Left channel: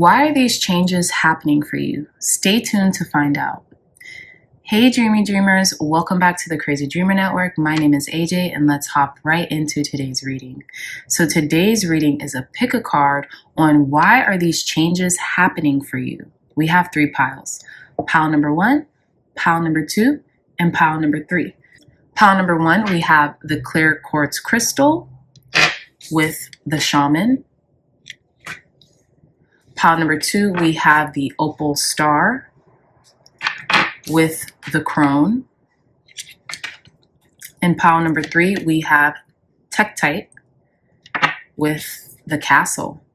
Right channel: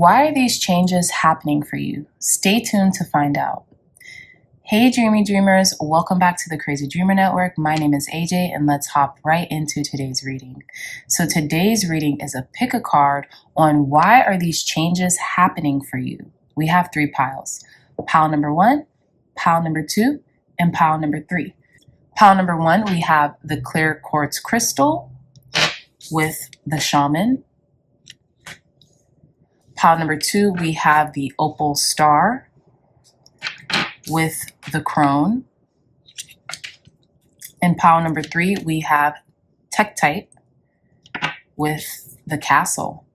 Why are these changes happening for you? Stay tuned to find out. Hey dreamy dreamers, welcome back to the Crazy Dreamer Network. My name is AJ and let's hop right into today's reading. So today's reading is a pick a card on why are these changes happening for you. We have 3 piles. Pile number 1, pile number 2, and pile number 3. Pile number 1, we have the clear quartz crystal with the shaman. Pile number 2, we have the opal star with the crone. In pile number 3, we have Tektite with the castle.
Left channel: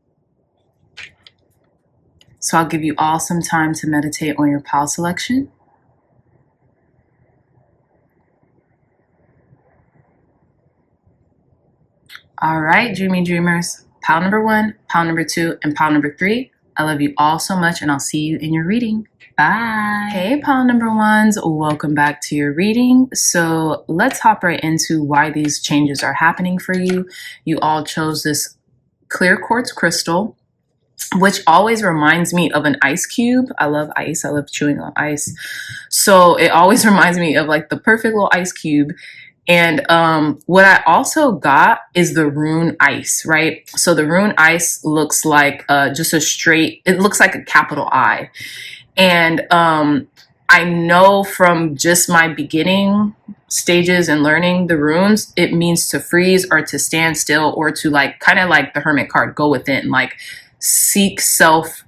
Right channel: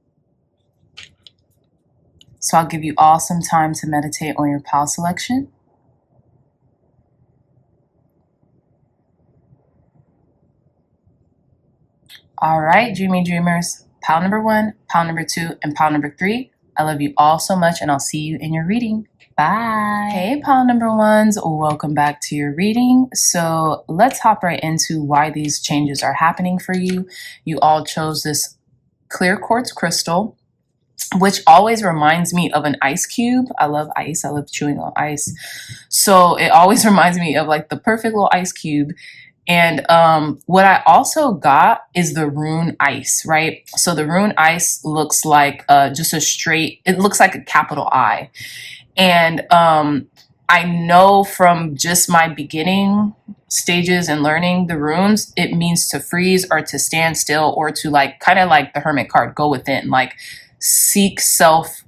So I'll give you all some time to meditate on your pile selection. All right, dreamy dreamers, pile number 1, pile number 2, and pile number 3. I love you all so much and I'll see you in your reading. Bye. Hey, pile number 1s, welcome back to your reading. So let's hop right into why these changes are happening for you. You all chose this clear quartz crystal, which always reminds me of an ice cube. I love ice. I love chewing on ice. So it always reminds me of like the perfect little ice cube. And what I also got is the rune ice, right? So the rune ice looks like just a straight, it looks like a capital I. And I know from just my beginning stages and learning the runes, it means to freeze or to stand still or to like, kind of like the hermit card, go within, like seek self,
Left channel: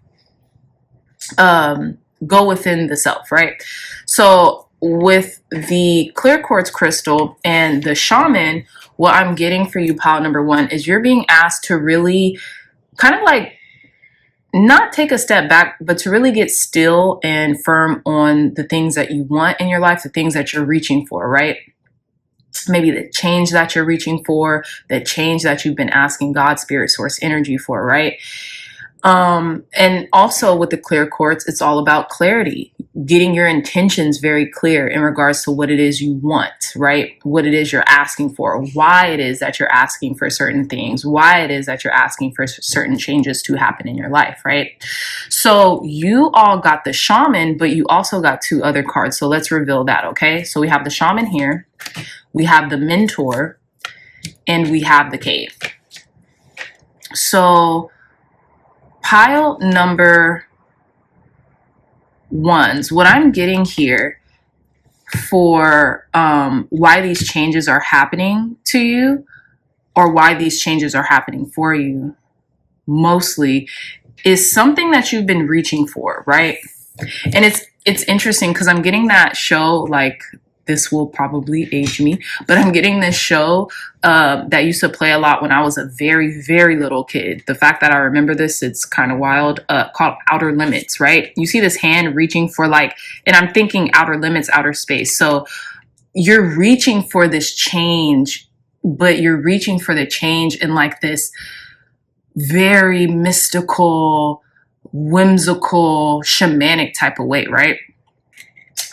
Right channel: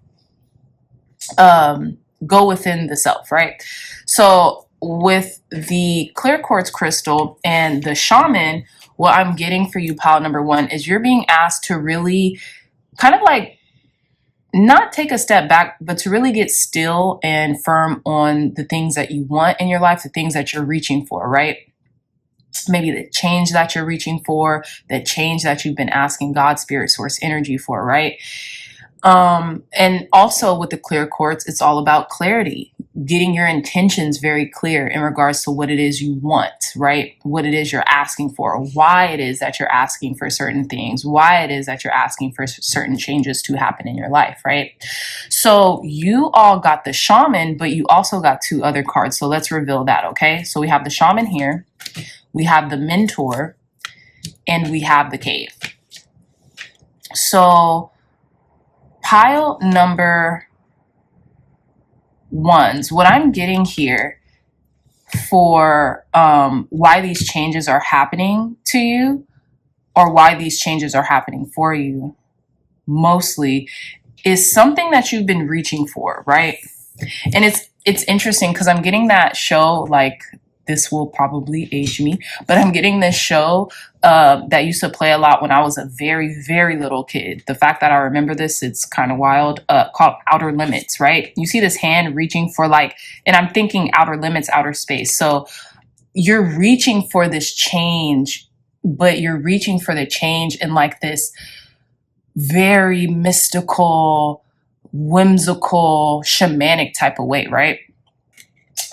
go within the self, right? So with the clear quartz crystal and the shaman, what I'm getting for you, pile number 1, is you're being asked to really kind of like not take a step back, but to really get still and firm on the things that you want in your life, the things that you're reaching for, right? Maybe the change that you're reaching for, the change that you've been asking God, spirit, source, energy for, right? And also with the clear quartz, it's all about clarity, getting your intentions very clear in regards to what it is you want, right? What it is you're asking for, why it is that you're asking for certain things, why it is that you're asking for certain changes to happen in your life, right? So you all got the shaman, but you also got 2 other cards. So let's reveal that, okay? So we have the shaman here, we have the mentor, and we have the cave. So pile number 1s, what I'm getting here for why these changes are happening to you, or why these changes are happening for you mostly, is something that you've been reaching for, right? And it's interesting because I'm getting that show, like, this will probably age me, but I'm getting this show that used to play a lot when I was a very, very little kid. The fact that I remember this, it's kind of wild, called Outer Limits, right? You see this hand reaching for like, and I'm thinking outer limits, outer space. So you're reaching for this change, but you're reaching for the change in like this very mystical, whimsical, shamanic type of way, right?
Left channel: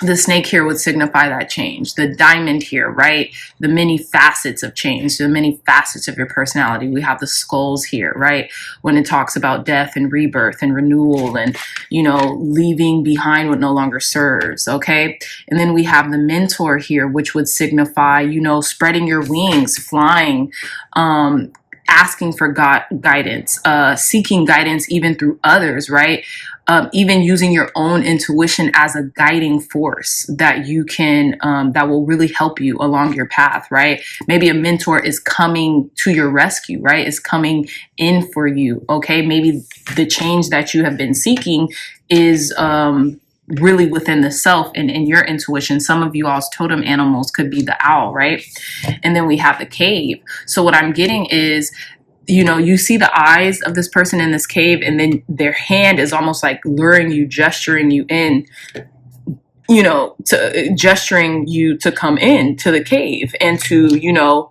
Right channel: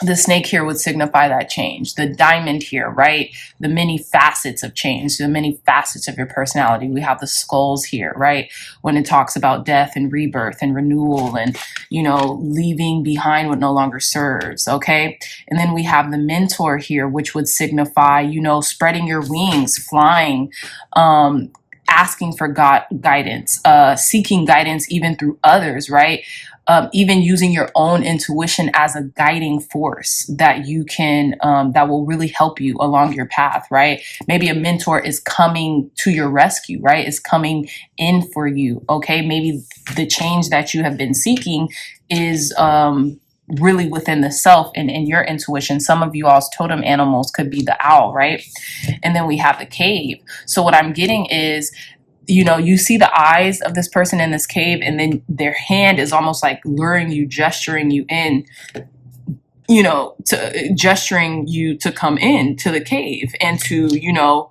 The snake here would signify that change. The diamond here, right? The many facets of change, the many facets of your personality. We have the skulls here, right? When it talks about death and rebirth and renewal and, you know, leaving behind what no longer serves, okay? And then we have the mentor here, which would signify, you know, spreading your wings, flying, asking for guidance, seeking guidance even through others, right? Even using your own intuition as a guiding force that you can, that will really help you along your path, right? Maybe a mentor is coming to your rescue, right? Is coming in for you, okay? Maybe the change that you have been seeking is really within the self and in your intuition. Some of you all's totem animals could be the owl, right? And then we have the cave. So what I'm getting is, you know, you see the eyes of this person in this cave, and then their hand is almost like luring you, gesturing you in, you know, to gesturing you to come in to the cave and to, you know,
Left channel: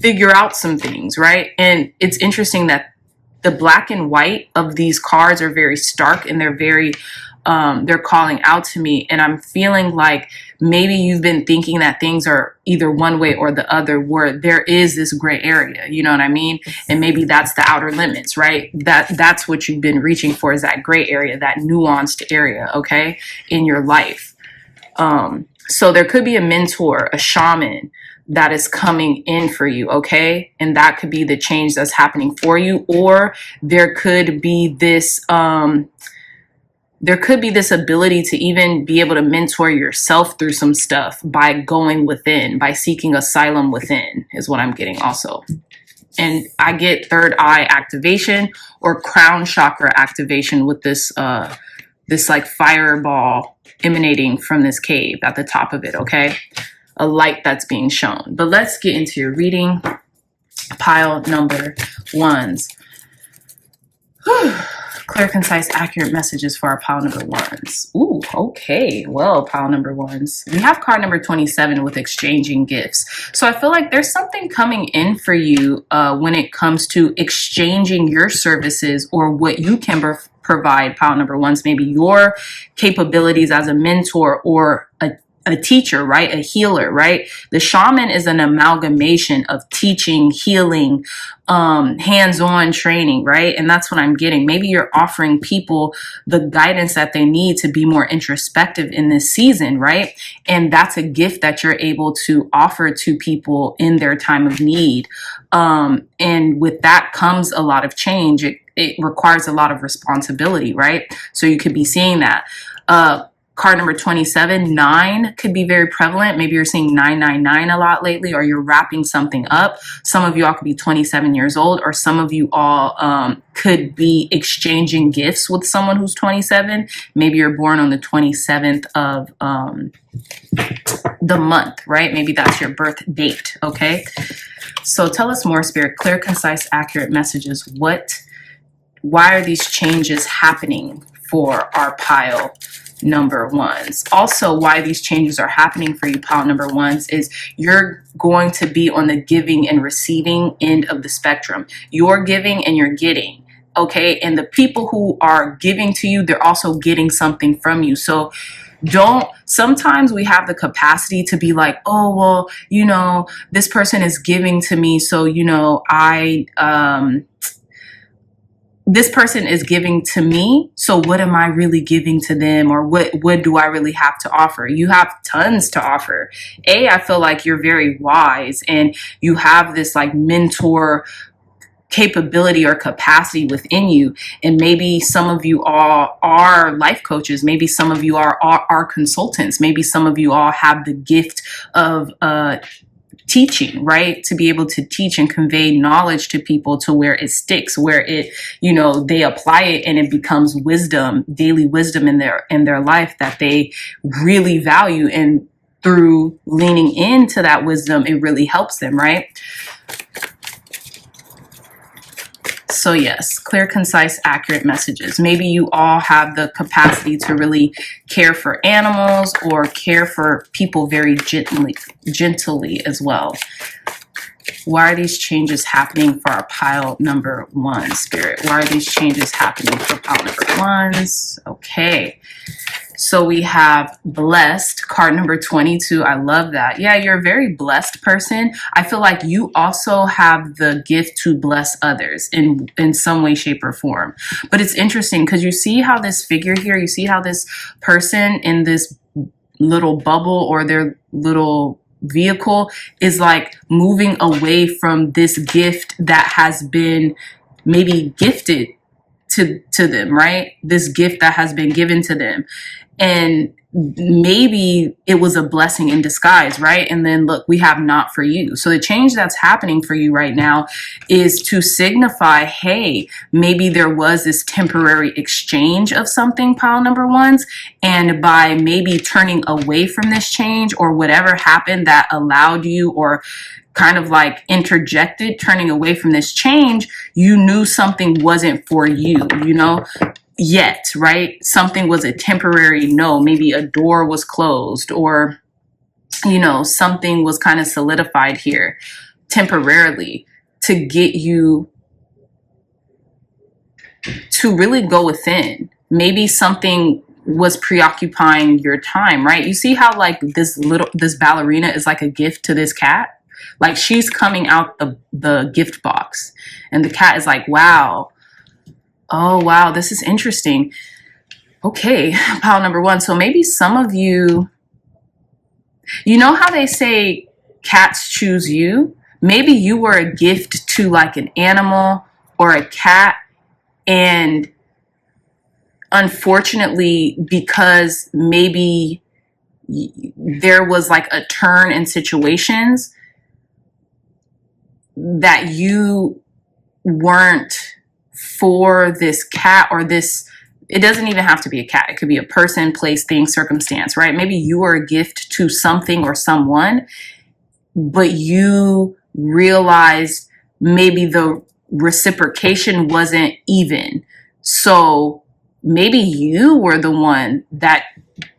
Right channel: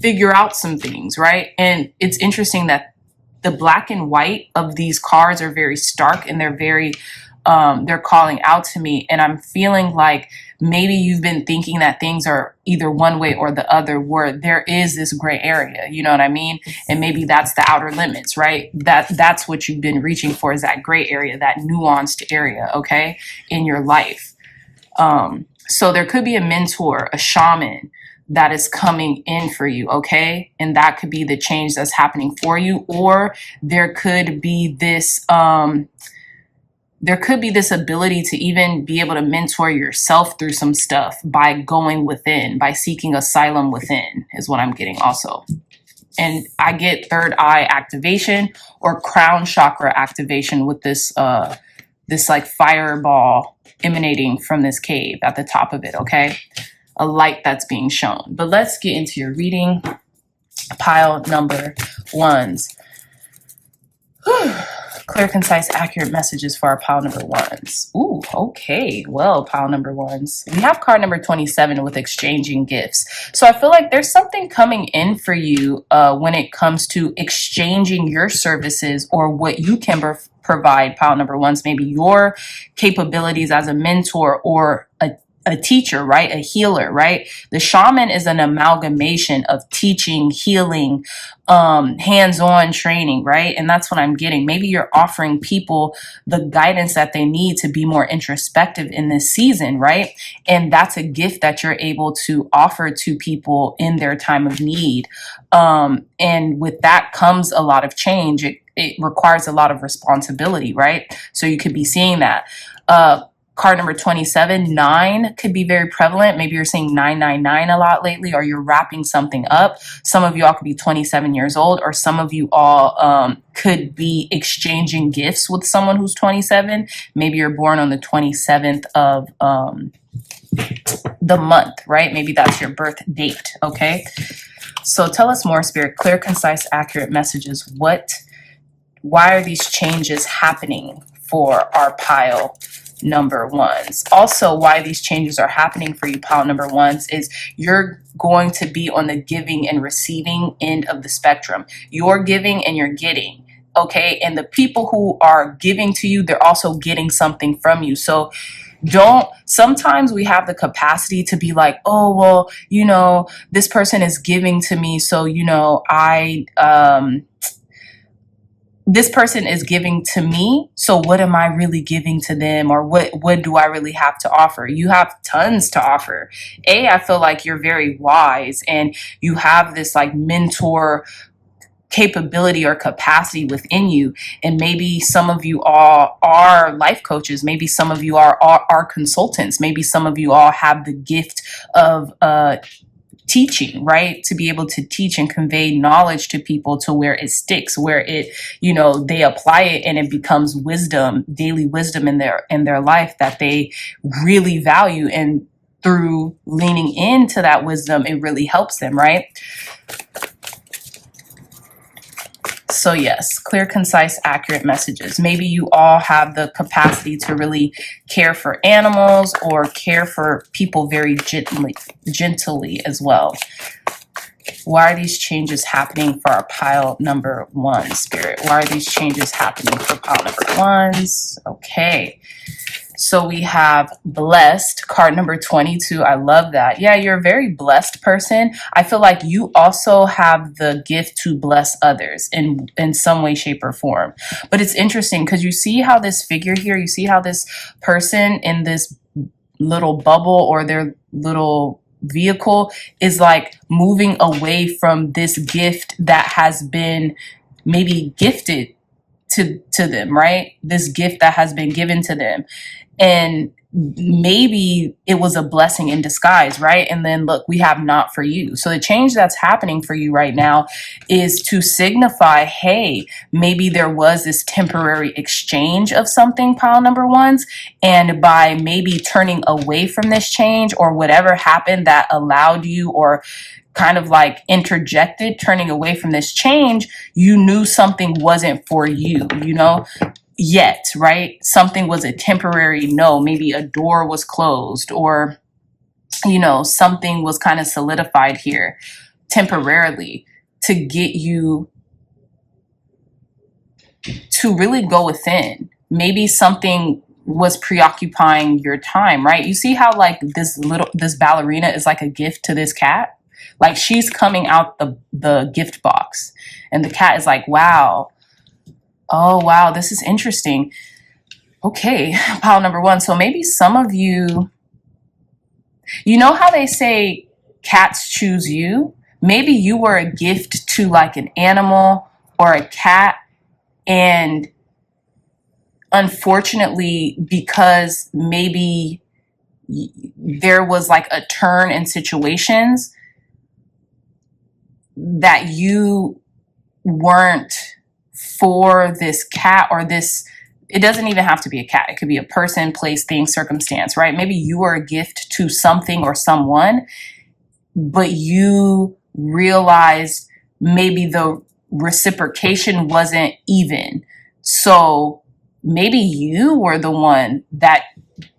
figure out some things, right? And it's interesting that the black and white of these cards are very stark and they're very, they're calling out to me. And I'm feeling like maybe you've been thinking that things are either one way or the other, where there is this gray area, you know what I mean? And maybe that's the outer limits, right? That's what you've been reaching for, is that gray area, that nuanced area, okay, in your life. So there could be a mentor, a shaman that is coming in for you, okay? And that could be the change that's happening for you. Or there could be this ability to even be able to mentor yourself through some stuff by going within, by seeking asylum within, is what I'm getting also. And I get third eye activation or crown chakra activation with this this like fireball emanating from this cave at the top of it, okay? A light that's being shown. But let's get into your reading. Pile number ones. Clear, concise, accurate messages for our pile number ones. Ooh, okay. Well, pile number ones. We have card number 27 with exchanging gifts. So I feel like there's something coming in for you when it comes to exchanging your services or what you can provide, pile number ones. Maybe your capabilities as a mentor or a teacher, right? A healer, right? The shaman is an amalgamation of teaching, healing, hands-on training, right? And that's what I'm getting. Maybe you're offering people the guidance that they need to be more introspective in this season, right? And that's a gift that you're able to offer to people in their time of need. And with that comes a lot of change. It requires a lot of responsibility, right? So you could be seeing that. Card number 27, 9 could be very prevalent. Maybe you're seeing 999 a lot lately, or you're wrapping something up. Some of you all could be 27 years old, or some of you all could be exchanging gifts with someone who's 27. Maybe you're born on the 27th of the month, right? Maybe that's your birth date, okay? So tell us more, Spirit. Clear, concise, accurate messages. Why are these changes happening for our pile number ones? Also, why these changes are happening for you, pile number ones, is you're going to be on the giving and receiving end of the spectrum. You're giving and you're getting, okay? And the people who are giving to you, they're also getting something from you. So sometimes we have the capacity to be like, oh, well, you know, this person is giving to me, so, you know, this person is giving to me, so what am I really giving to them, or what do I really have to offer? You have tons to offer. I feel like you're very wise and you have this like mentor capability or capacity within you. And maybe some of you all are life coaches. Maybe some of you are consultants. Maybe some of you all have the gift of teaching, right? To be able to teach and convey knowledge to people to where it sticks, where it, you know, they apply it and it becomes wisdom, daily wisdom in their life that they really value. And through leaning into that wisdom, it really helps them, right? So yes, clear, concise, accurate messages. Maybe you all have the capacity to really care for animals or care for people very gently as well. Why are these changes happening for our pile number one, Spirit? Why are these changes happening for pile number ones? Okay. So we have blessed, card number 22. I love that. Yeah, you're a very blessed person. I feel like you also have the gift to bless others in some way, shape, or form. But it's interesting because you see how this figure here, you see how this person in this little bubble or their little vehicle is like moving away from this gift that has been maybe gifted to them, right? This gift that has been given to them. And maybe it was a blessing in disguise, right? And then look, we have not for you. So the change that's happening for you right now is to signify, hey, maybe there was this temporary exchange of something, pile number ones. And by maybe turning away from this change or whatever happened that allowed you or kind of like interjected turning away from this change, you knew something wasn't for you, you know? Yet, right? Something was a temporary no, maybe a door was closed or, you know, something was kind of solidified here temporarily to get you to really go within. Maybe something was preoccupying your time, right? You see how like this ballerina is like a gift to this cat? Like she's coming out the gift box and the cat is like, wow. Oh, wow. This is interesting. Okay. Pile number one. So maybe some of you, you know how they say cats choose you? Maybe you were a gift to like an animal or a cat, and unfortunately, because maybe there was like a turn in situations that you weren't for this cat or this, it doesn't even have to be a cat. It could be a person, place, thing, circumstance, right? Maybe you were a gift to something or someone, but you realized maybe the reciprocation wasn't even. So maybe you were the one that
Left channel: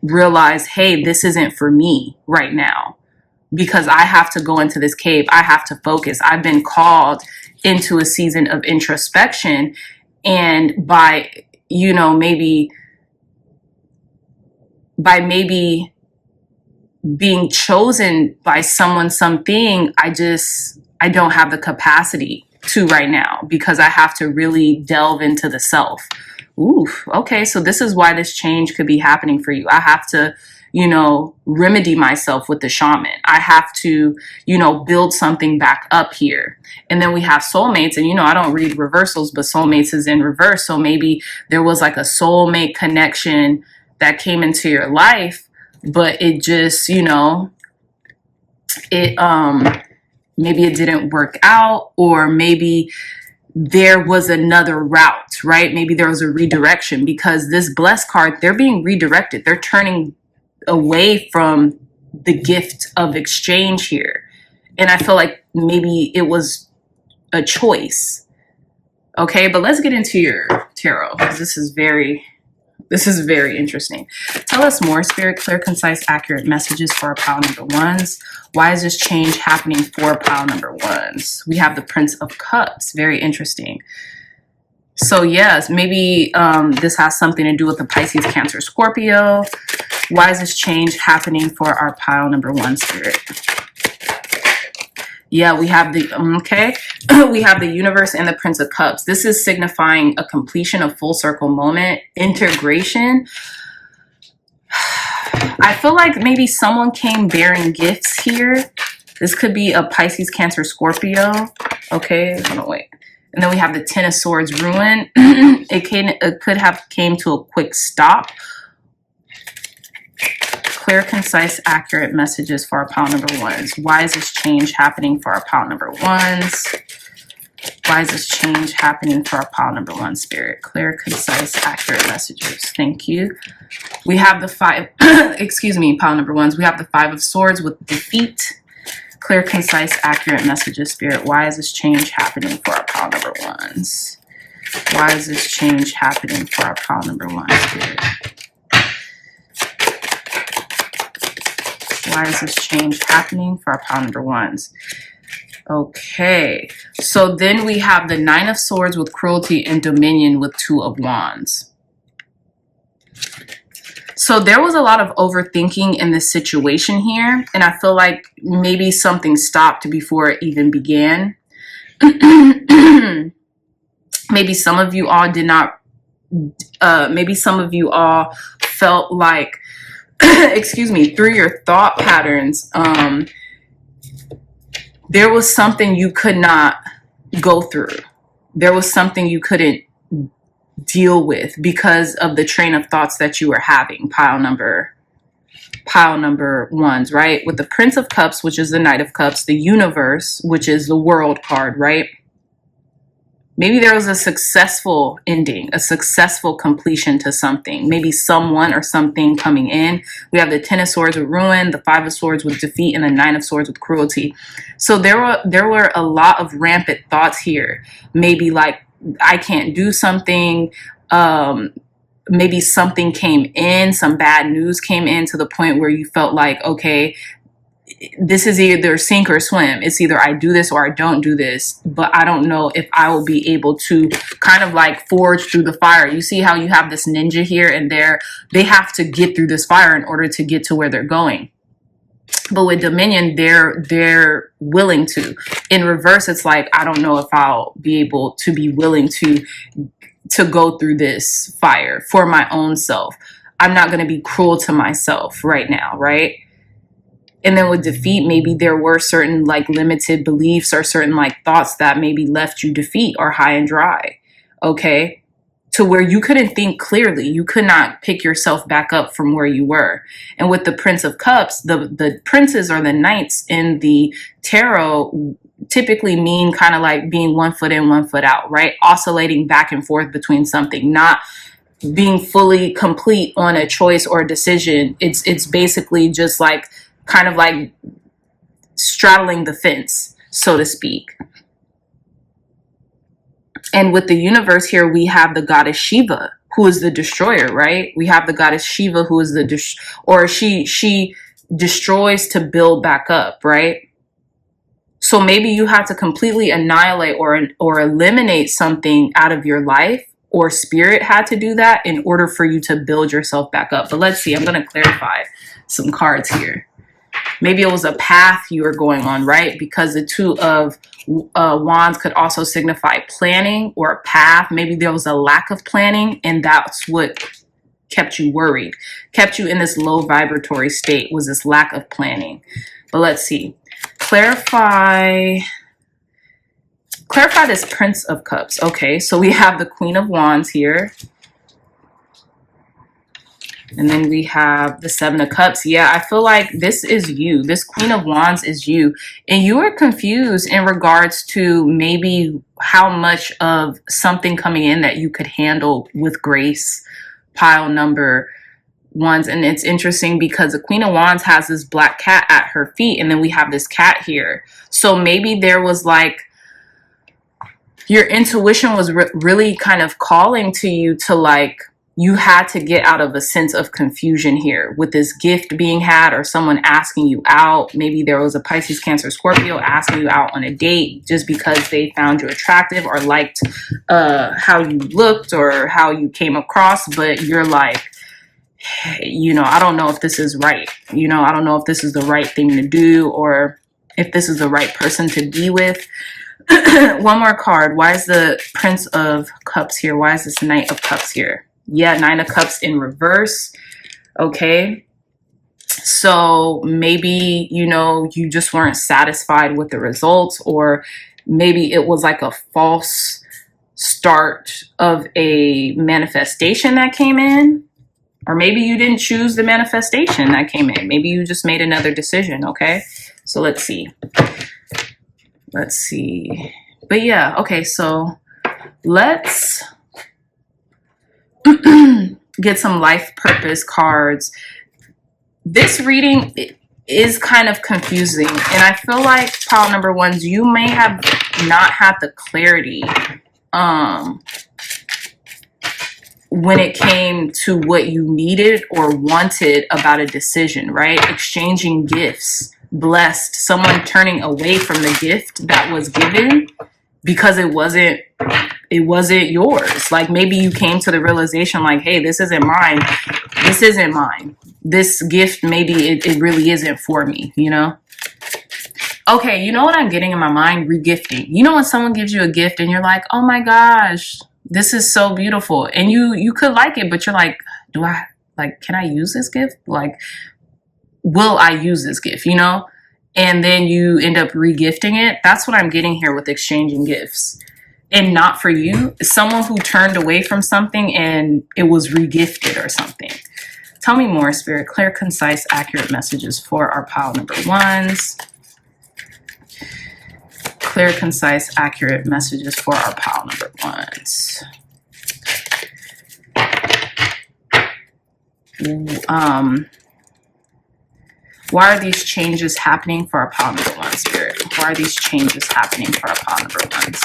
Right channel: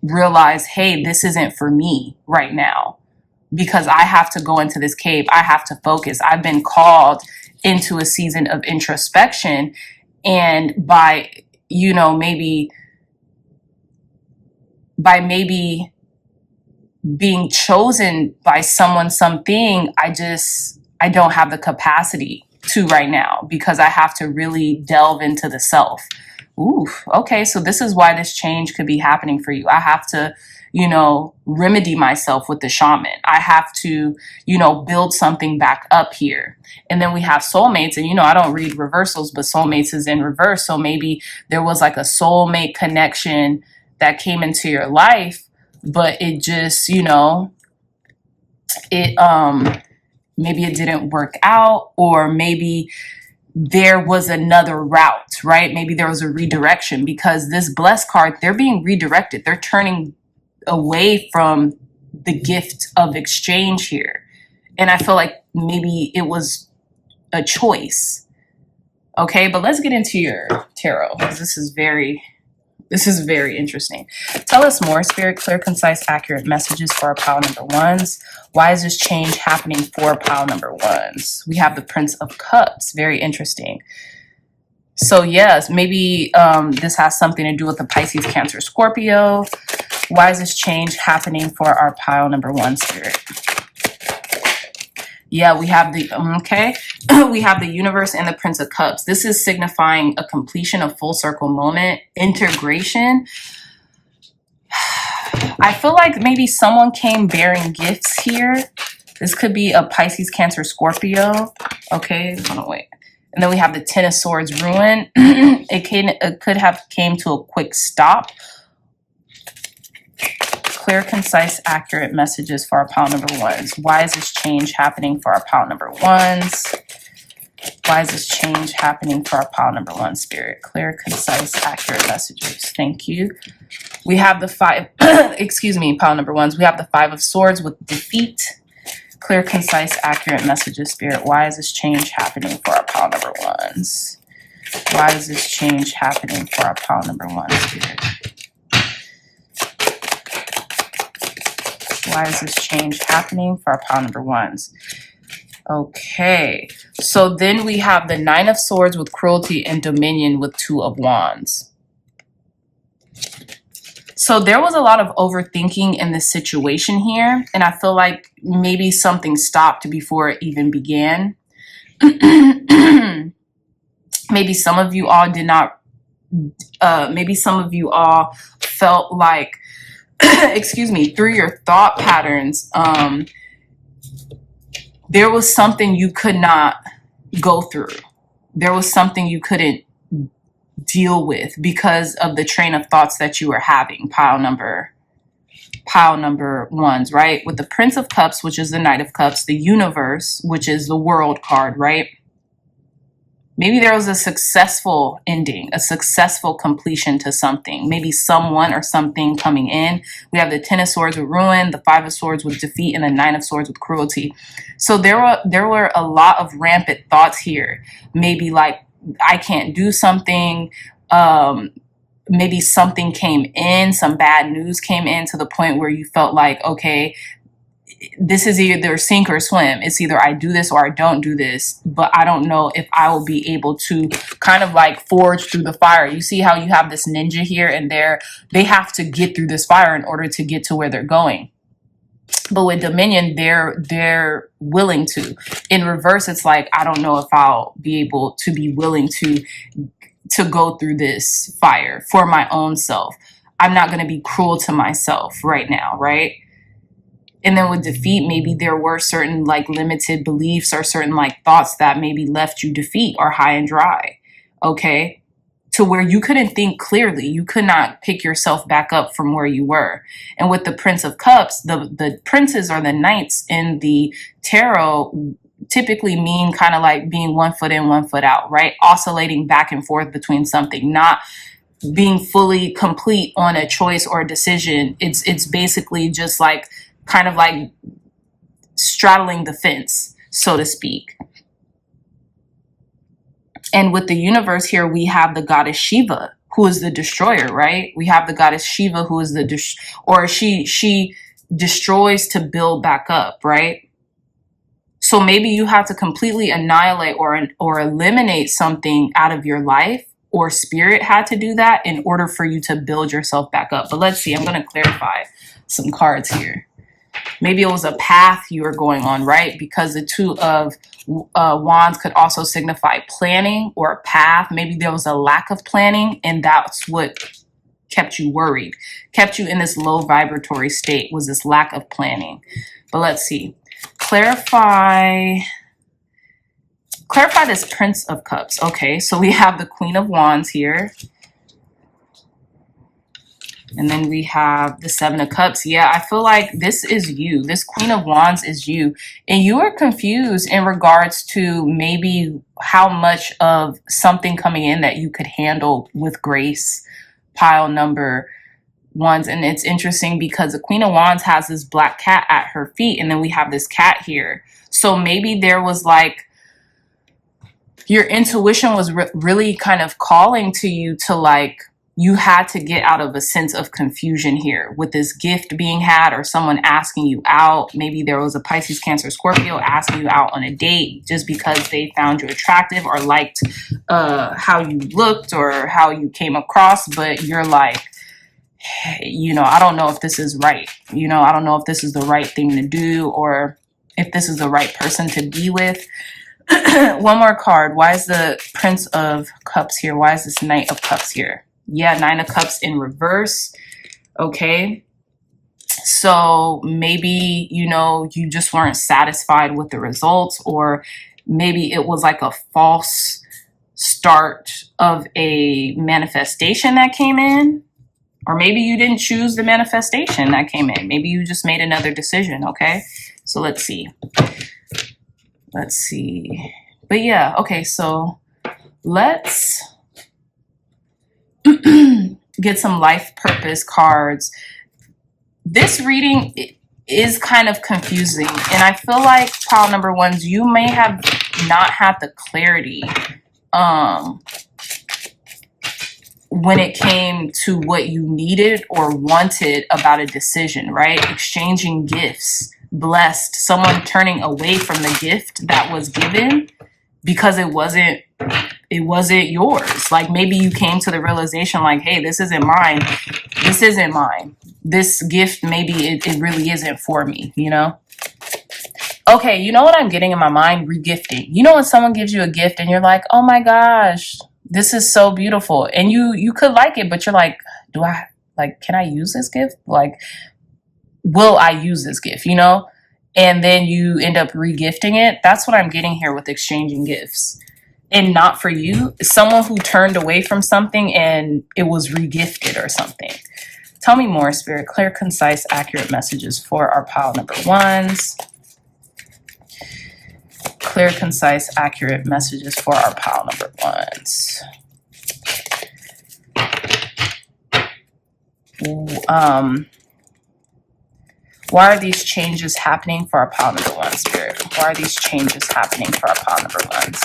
realized, hey, this isn't for me right now because I have to go into this cave. I have to focus. I've been called into a season of introspection. And by maybe being chosen by someone, something, I don't have the capacity to right now because I have to really delve into the self. Ooh, okay. So this is why this change could be happening for you. I have to, remedy myself with the shaman. I have to, build something back up here. And then we have soulmates, and, I don't read reversals, but soulmates is in reverse. So maybe there was like a soulmate connection that came into your life, but it just, maybe it didn't work out, or maybe there was another route, right? Maybe there was a redirection because this blessed card, they're being redirected. They're turning away from the gift of exchange here. And I feel like maybe it was a choice. Okay, but let's get into your tarot because this is very interesting. Tell us more, Spirit, clear, concise, accurate messages for our pile number ones. Why is this change happening for pile number ones? We have the Prince of Cups. Very interesting. So yes, maybe this has something to do with the Pisces, Cancer, Scorpio. Why is this change happening for our pile number one, Spirit? Yeah, we have the, we have the universe and the Prince of Cups. This is signifying a completion of full circle moment, integration. I feel like maybe someone came bearing gifts here. This could be a Pisces, Cancer, Scorpio. Okay, hold on, wait. And then we have the Ten of Swords, ruin. It could have came to a quick stop. Clear, concise, accurate messages for our pile number ones. Why is this change happening for our pile number ones? Why is this change happening for our pile number one, Spirit? Clear, concise, accurate messages. Thank you. We have the five, pile number ones. We have the Five of Swords with defeat. Clear, concise, accurate messages, Spirit. Why is this change happening for our pile number ones? Why is this change happening for our pile number one, Spirit? Why is this change happening for our pile number ones? Okay, so then we have the Nine of Swords with cruelty and dominion with Two of Wands. So there was a lot of overthinking in this situation here, and I feel like maybe something stopped before it even began. Maybe some of you all did not, maybe some of you all felt like, through your thought patterns, there was something you could not go through. There was something you couldn't deal with because of the train of thoughts that you were having. Pile number ones, right? With the Prince of Cups, which is the Knight of Cups, the universe, which is the World card, right? Maybe there was a successful ending, a successful completion to something. Maybe someone or something coming in. We have the Ten of Swords with ruin, the Five of Swords with defeat, and the Nine of Swords with cruelty. So there were a lot of rampant thoughts here. Maybe like, I can't do something. Maybe something came in, some bad news came in to the point where you felt like, okay, this is either sink or swim. It's either I do this or I don't do this, but I don't know if I will be able to kind of like forge through the fire. You see how you have this ninja here and there? They have to get through this fire in order to get to where they're going. But with Dominion, they're willing to. In reverse, it's like, I don't know if I'll be able to be willing to go through this fire for my own self. I'm not going to be cruel to myself right now, right? And then with defeat, maybe there were certain like limited beliefs or certain like thoughts that maybe left you defeat or high and dry, okay? To where you couldn't think clearly. You could not pick yourself back up from where you were. And with the Prince of Cups, the princes or the knights in the tarot typically mean kind of like being 1 foot in, 1 foot out, right? Oscillating back and forth between something, not being fully complete on a choice or a decision. It's basically just like kind of like straddling the fence, so to speak. And with the universe here, we have the goddess Shiva, who is the destroyer, right? We have the goddess Shiva, who is she destroys to build back up, right? So maybe you have to completely annihilate or eliminate something out of your life, or spirit had to do that in order for you to build yourself back up. But let's see, I'm going to clarify some cards here. Maybe it was a path you were going on, right? Because the Two of Wands could also signify planning or a path. Maybe there was a lack of planning, and that's what kept you worried, kept you in this low vibratory state, was this lack of planning. But let's see. Clarify this Prince of Cups. Okay, so we have the Queen of Wands here. And then we have the Seven of Cups. Yeah, I feel like this is you. This Queen of Wands is you. And you are confused in regards to maybe how much of something coming in that you could handle with grace. Pile number ones. And it's interesting because the Queen of Wands has this black cat at her feet. And then we have this cat here. So maybe there was like, your intuition was really kind of calling to you to like, you had to get out of a sense of confusion here with this gift being had or someone asking you out. Maybe there was a Pisces, Cancer, Scorpio asking you out on a date just because they found you attractive or liked how you looked or how you came across. But you're like, you know, I don't know if this is right. You know, I don't know if this is the right thing to do or if this is the right person to be with. One more card. Why is the Prince of Cups here? Why is this Knight of Cups here? Yeah, Nine of Cups in reverse. Okay. So maybe, you know, you just weren't satisfied with the results, or maybe it was like a false start of a manifestation that came in, or maybe you didn't choose the manifestation that came in. Maybe you just made another decision. Okay. So let's see. Let's see. But yeah, okay. So let's get some life purpose cards. This reading is kind of confusing, and I feel like pile number ones, you may have not had the clarity when it came to what you needed or wanted about a decision, right? Exchanging gifts, blessed, someone turning away from the gift that was given because it wasn't yours. Like maybe you came to the realization like, hey, this isn't mine. This isn't mine. This gift, maybe it really isn't for me, you know? Okay, you know what I'm getting in my mind? Regifting. You know when someone gives you a gift and you're like, oh my gosh, this is so beautiful. And you could like it, but you're like, can I use this gift? Like, will I use this gift, you know? And then you end up regifting it. That's what I'm getting here with exchanging gifts. And not for you, someone who turned away from something and it was regifted or something. Tell me more, Spirit. Clear, concise, accurate messages for our pile number ones. Clear, concise, accurate messages for our pile number ones. Why are these changes happening for our pile number one, Spirit? Why are these changes happening for our pile number ones?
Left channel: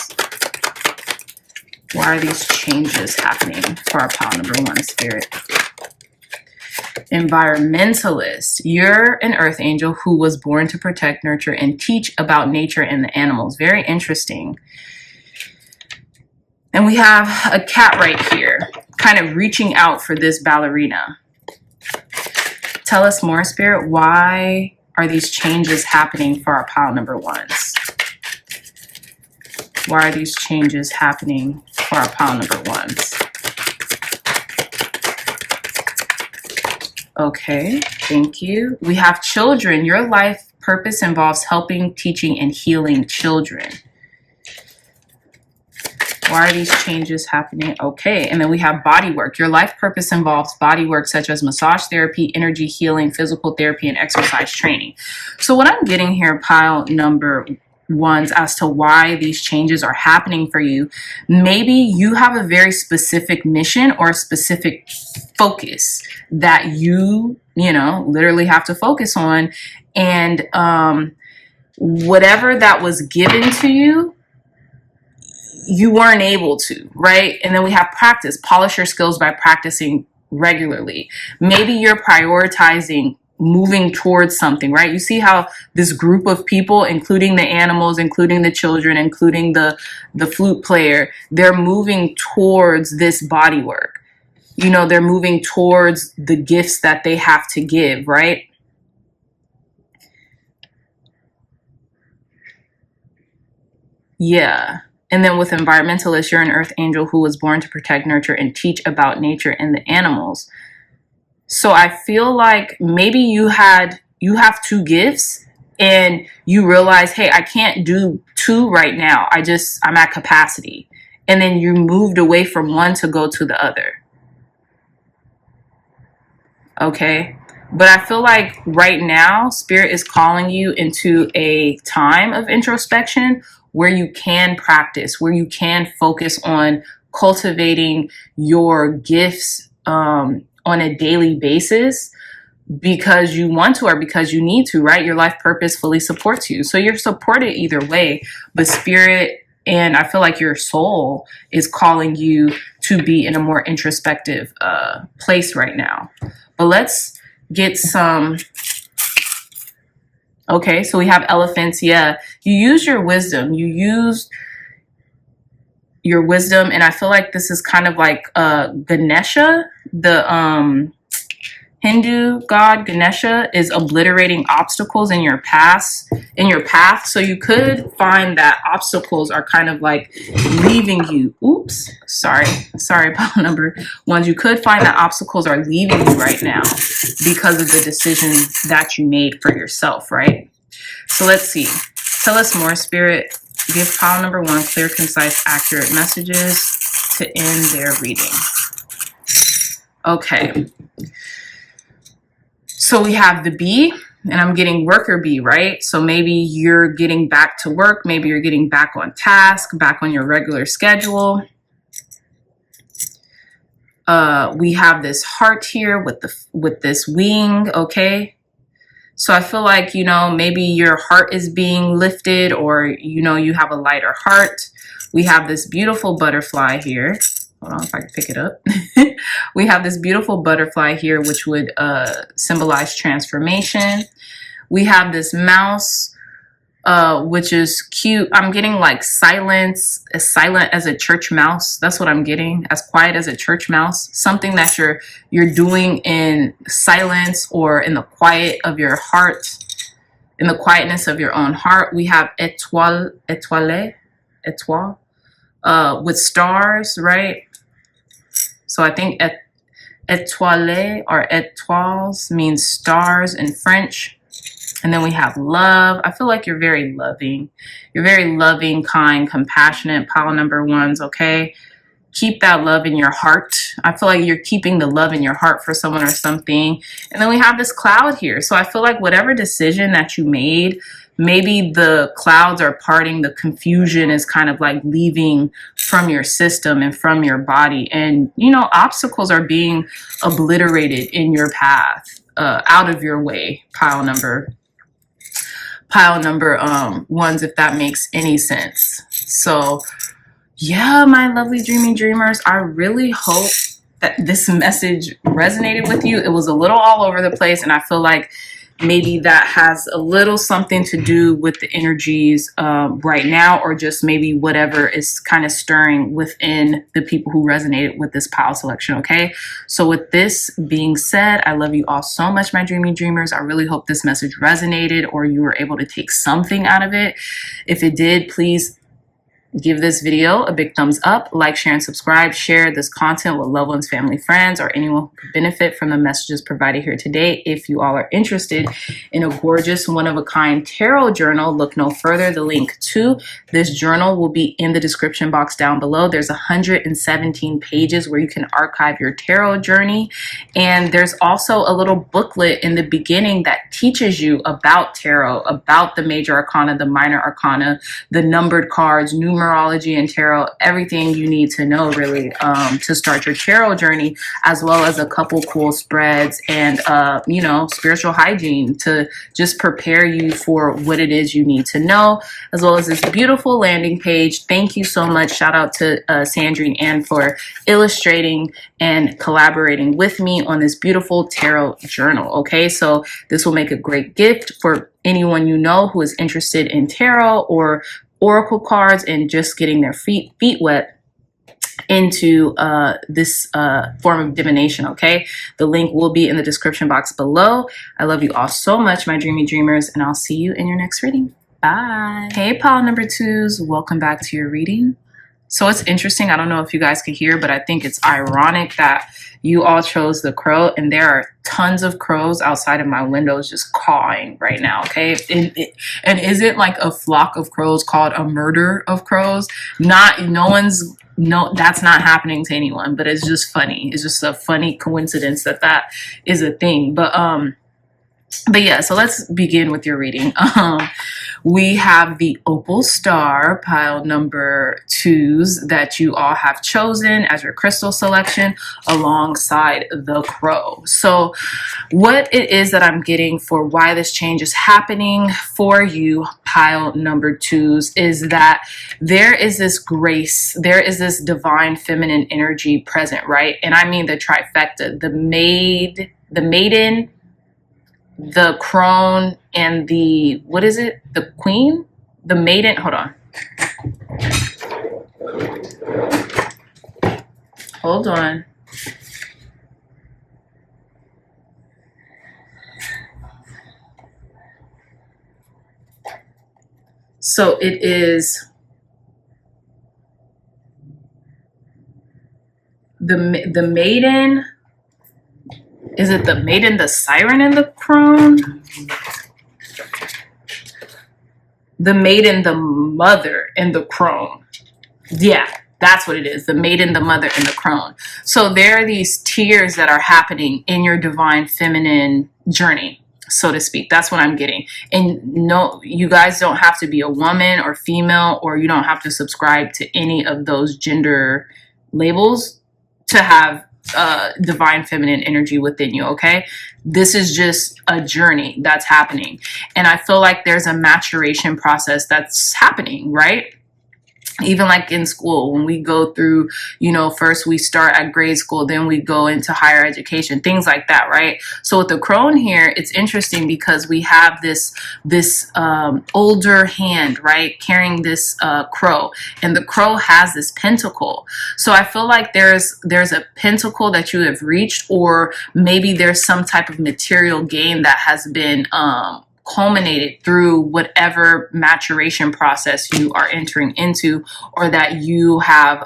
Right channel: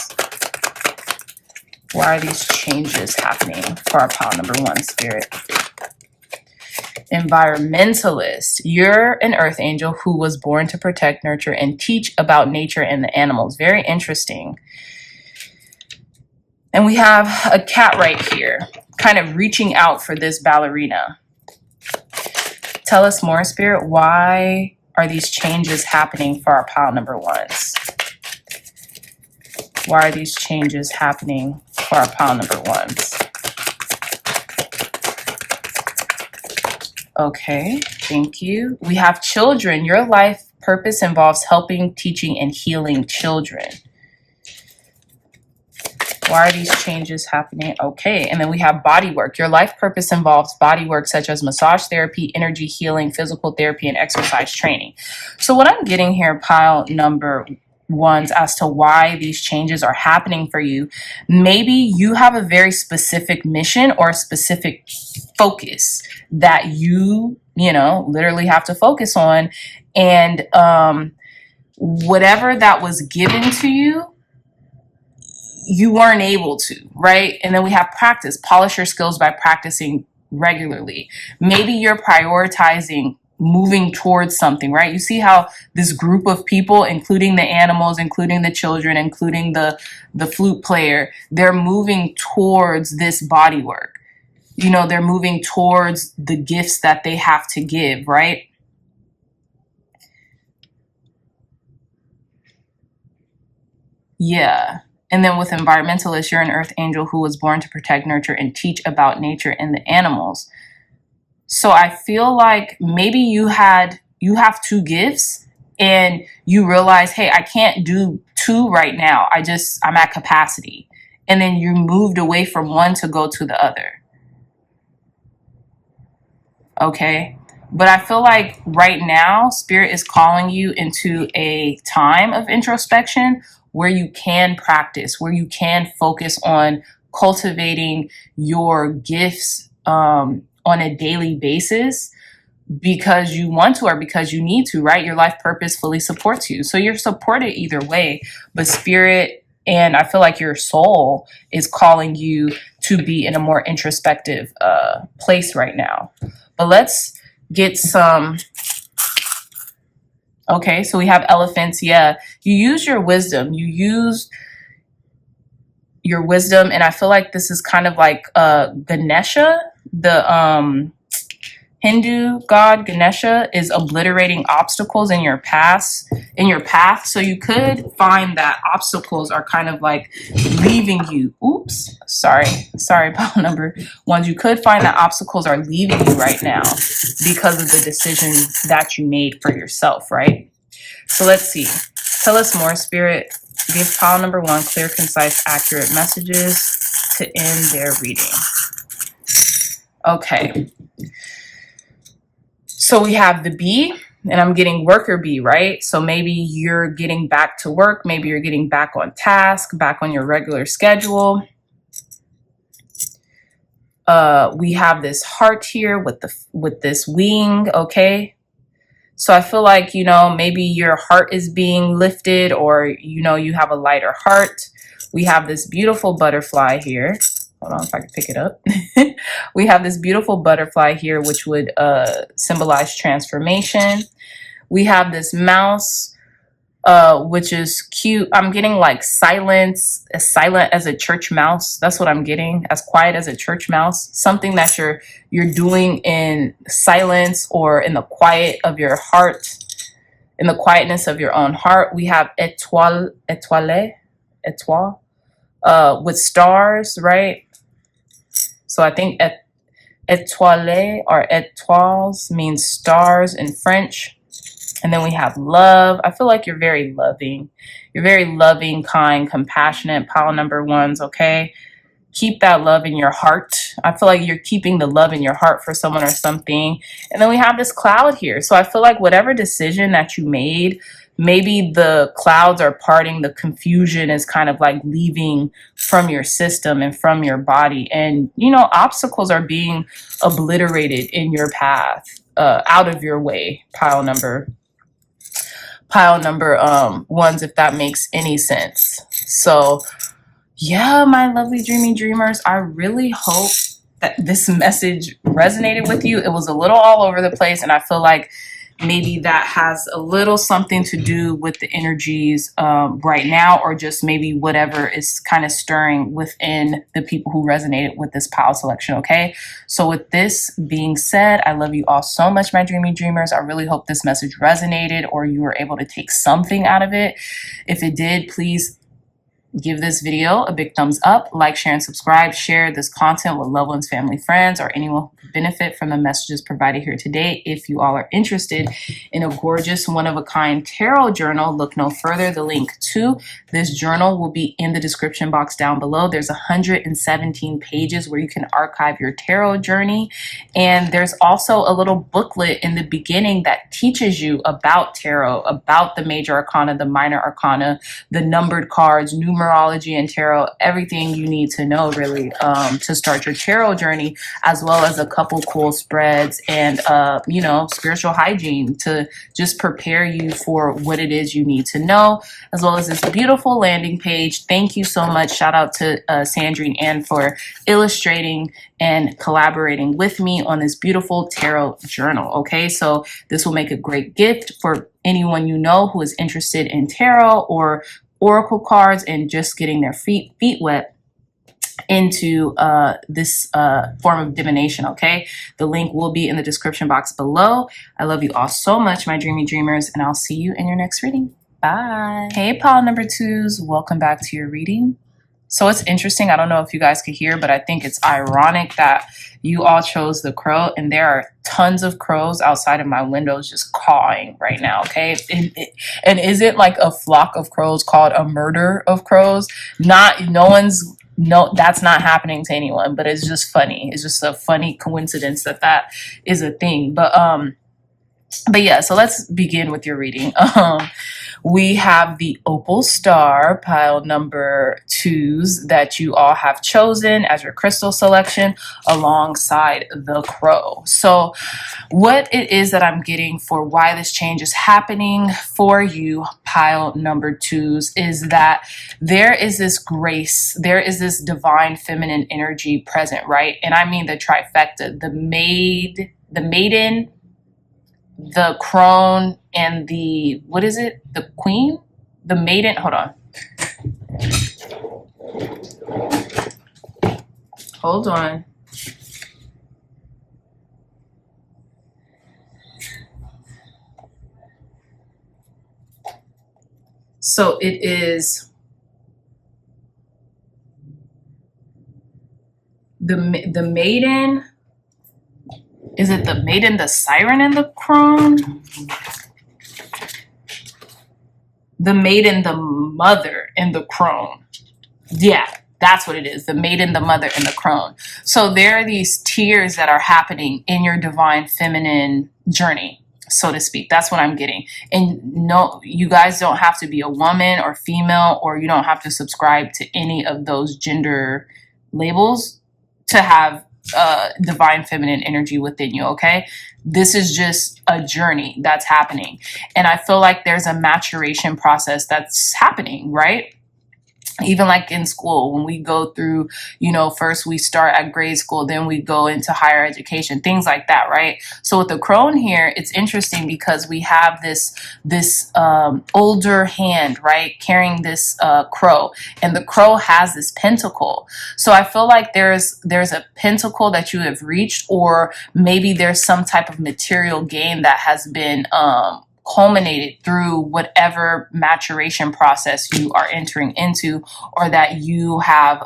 Why are these changes happening for our pile number one, Spirit? Environmentalist. You're an earth angel who was born to protect, nurture, and teach about nature and the animals. Very interesting. And we have a cat right here, kind of reaching out for this ballerina. Tell us more, Spirit. Why are these changes happening for our pile number ones? Why are these changes happening for our pile number ones? Okay, thank you. We have children. Your life purpose involves helping, teaching, and healing children. Why are these changes happening? Okay, and then we have body work. Your life purpose involves body work such as massage therapy, energy healing, physical therapy, and exercise training. So what I'm getting here, pile number ones, as to why these changes are happening for you, maybe you have a very specific mission or a specific focus that you literally have to focus on. And whatever that was given to you, you weren't able to, right? And then we have practice. Polish your skills by practicing regularly. Maybe you're prioritizing moving towards something, right? You see how this group of people, including the animals, including the children, including the flute player, they're moving towards this body work. They're moving towards the gifts that they have to give, right? Yeah. And then with environmentalist, you're an earth angel who was born to protect, nurture, and teach about nature and the animals. So I feel like maybe you have two gifts and you realize, hey, I can't do two right now. I'm at capacity. And then you moved away from one to go to the other. Okay. But I feel like right now, Spirit is calling you into a time of introspection where you can practice, where you can focus on cultivating your gifts on a daily basis because you want to or because you need to, right? Your life purpose fully supports you. So you're supported either way, but Spirit and I feel like your soul is calling you to be in a more introspective place right now. But let's get some. Okay, so we have elephants. Yeah, you use your wisdom. You used your wisdom, and I feel like this is kind of like Ganesha, the Hindu god. Ganesha is obliterating obstacles in your path. So you could find that obstacles are kind of like leaving you. Oops, sorry, pile number ones. You could find that obstacles are leaving you right now because of the decisions that you made for yourself, right? So let's see. Tell us more, Spirit. Give pile number one clear, concise, accurate messages to end their reading. Okay. So we have the bee, and I'm getting worker bee, right? So maybe you're getting back to work. Maybe you're getting back on task, back on your regular schedule. We have this heart here with this wing, okay? So I feel like, maybe your heart is being lifted or, you have a lighter heart. We have this beautiful butterfly here. Hold on if I can pick it up. We have this beautiful butterfly here, which would symbolize transformation. We have this mouse, which is cute. I'm getting like silence, as silent as a church mouse. That's what I'm getting, as quiet as a church mouse. Something that you're doing in silence or in the quiet of your heart, in the quietness of your own heart. We have étoile, with stars, right? So I think étoile or étoiles means stars in French. And then we have love. I feel like you're very loving. You're very loving, kind, compassionate. Pile number ones, okay? Keep that love in your heart. I feel like you're keeping the love in your heart for someone or something. And then we have this cloud here. So I feel like whatever decision that you made, maybe the clouds are parting, the confusion is kind of like leaving from your system and from your body. And, obstacles are being obliterated in your path, out of your way, pile number ones, if that makes any sense. So yeah, my lovely dreamy dreamers, I really hope that this message resonated with you. It was a little all over the place, and I feel like maybe that has a little something to do with the energies right now, or just maybe whatever is kind of stirring within the people who resonated with this pile selection, okay? So with this being said, I love you all so much, my dreamy dreamers. I really hope this message resonated or you were able to take something out of it. If it did, please give this video a big thumbs up, like, share, and subscribe. Share this content with loved ones, family, friends, or anyone who could benefit from the messages provided here today. If you all are interested in a gorgeous one-of-a-kind tarot journal, look no further. The link to this journal will be in the description box down below. There's 117 pages where you can archive your tarot journey. And there's also a little booklet in the beginning that teaches you about tarot, about the major arcana, the minor arcana, the numbered cards, numerology and tarot, everything you need to know really to start your tarot journey, as well as a couple cool spreads and you know, spiritual hygiene to just prepare you for what it is you need to know, as well as this beautiful landing page. Thank you so much. Shout out to Sandrine Ann for illustrating and collaborating with me on this beautiful tarot journal. Okay, so this will make a great gift for anyone you know who is interested in tarot or oracle cards and just getting their feet wet into this form of divination. Okay, the link will be in the description box below. I love you all so much, my dreamy dreamers, and I'll see you in your next reading. Bye. Hey, pile number twos, welcome back to your reading. So it's interesting, I don't know if you guys could hear, but I think it's ironic that you all chose the crow, and there are tons of crows outside of my windows just cawing right now, okay? And is it like a flock of crows called a murder of crows? That's not happening to anyone, but it's just funny. It's just a funny coincidence that that is a thing. But yeah, so let's begin with your reading. We have the Opal Star, pile number twos, that you all have chosen as your crystal selection alongside the crow. So what it is that I'm getting for why this change is happening for you, pile number twos, is that there is this grace, there is this divine feminine energy present, right? And I mean the trifecta, the maiden, the crone, and the, what is it? The queen? The maiden, hold on. Hold on. So it is the maiden. Is it the maiden, the siren, and the crone? The maiden, the mother, and the crone. Yeah, that's what it is. The maiden, the mother, and the crone. So there are these tiers that are happening in your divine feminine journey, so to speak. That's what I'm getting. And no, you guys don't have to be a woman or female, or you don't have to subscribe to any of those gender labels to have divine feminine energy within you, okay? This is just a journey that's happening. And I feel like there's a maturation process that's happening, right? Even like in school, when we go through, you know, first we start at grade school, then we go into higher education, things like that, right? So with the crone here, it's interesting because we have this older hand, right, carrying this crow, and the crow has this pentacle. So I feel like there's a pentacle that you have reached, or maybe there's some type of material gain that has been culminated through whatever maturation process you are entering into, or that you have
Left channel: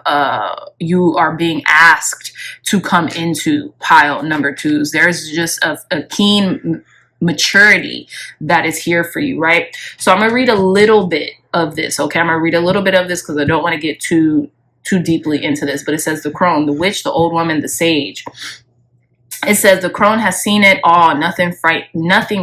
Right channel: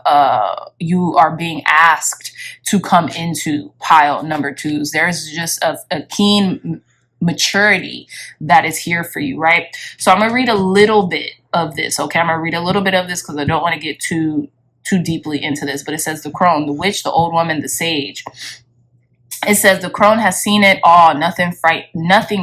you are being asked to come into, pile number twos. There's just a keen maturity that is here for you, right? So I'm gonna read a little bit of this, okay? I'm gonna read a little bit of this because I don't want to get too deeply into this, but it says the crone, the witch, the old woman, the sage. It says the crone has seen it all. Nothing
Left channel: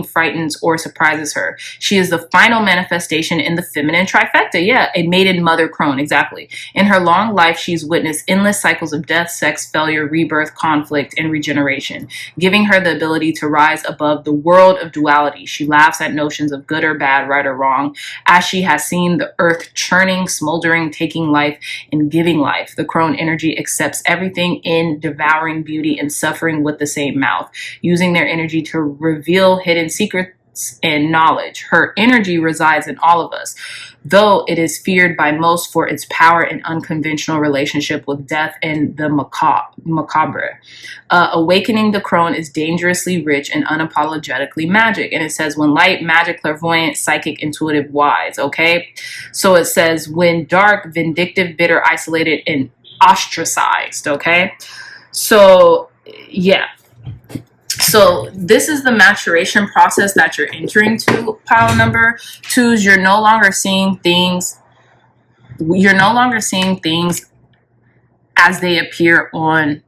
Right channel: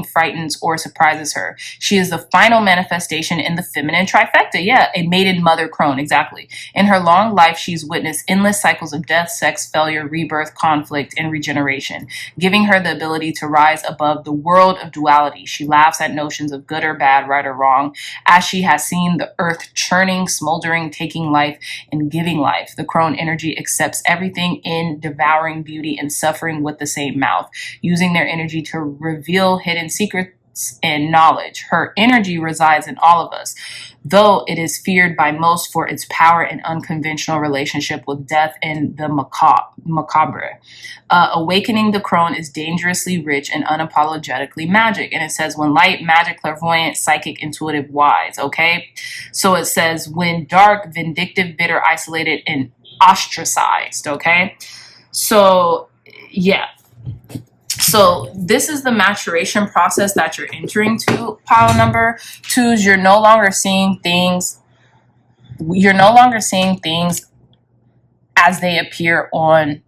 frightens or surprises her. She is the final manifestation in the feminine trifecta. Yeah, a maiden mother crone, exactly. In her long life, she's witnessed endless cycles of death, sex, failure, rebirth, conflict, and regeneration, giving her the ability to rise above the world of duality. She laughs at notions of good or bad, right or wrong, as she has seen the earth churning, smoldering, taking life, and giving life. The crone energy accepts everything in devouring beauty and suffering with the same mouth, using their energy to reveal hidden secrets and knowledge. Her energy resides in all of us, though it is feared by most for its power and unconventional relationship with death and the macabre. Awakening the crone is dangerously rich and unapologetically magic. And it says, when light, magic, clairvoyant, psychic, intuitive, wise. Okay? So it says, when dark, vindictive, bitter, isolated, and ostracized. Okay? So, yeah. So this is the maturation process that you're entering to, pile number 2s. You're no longer seeing things as they appear on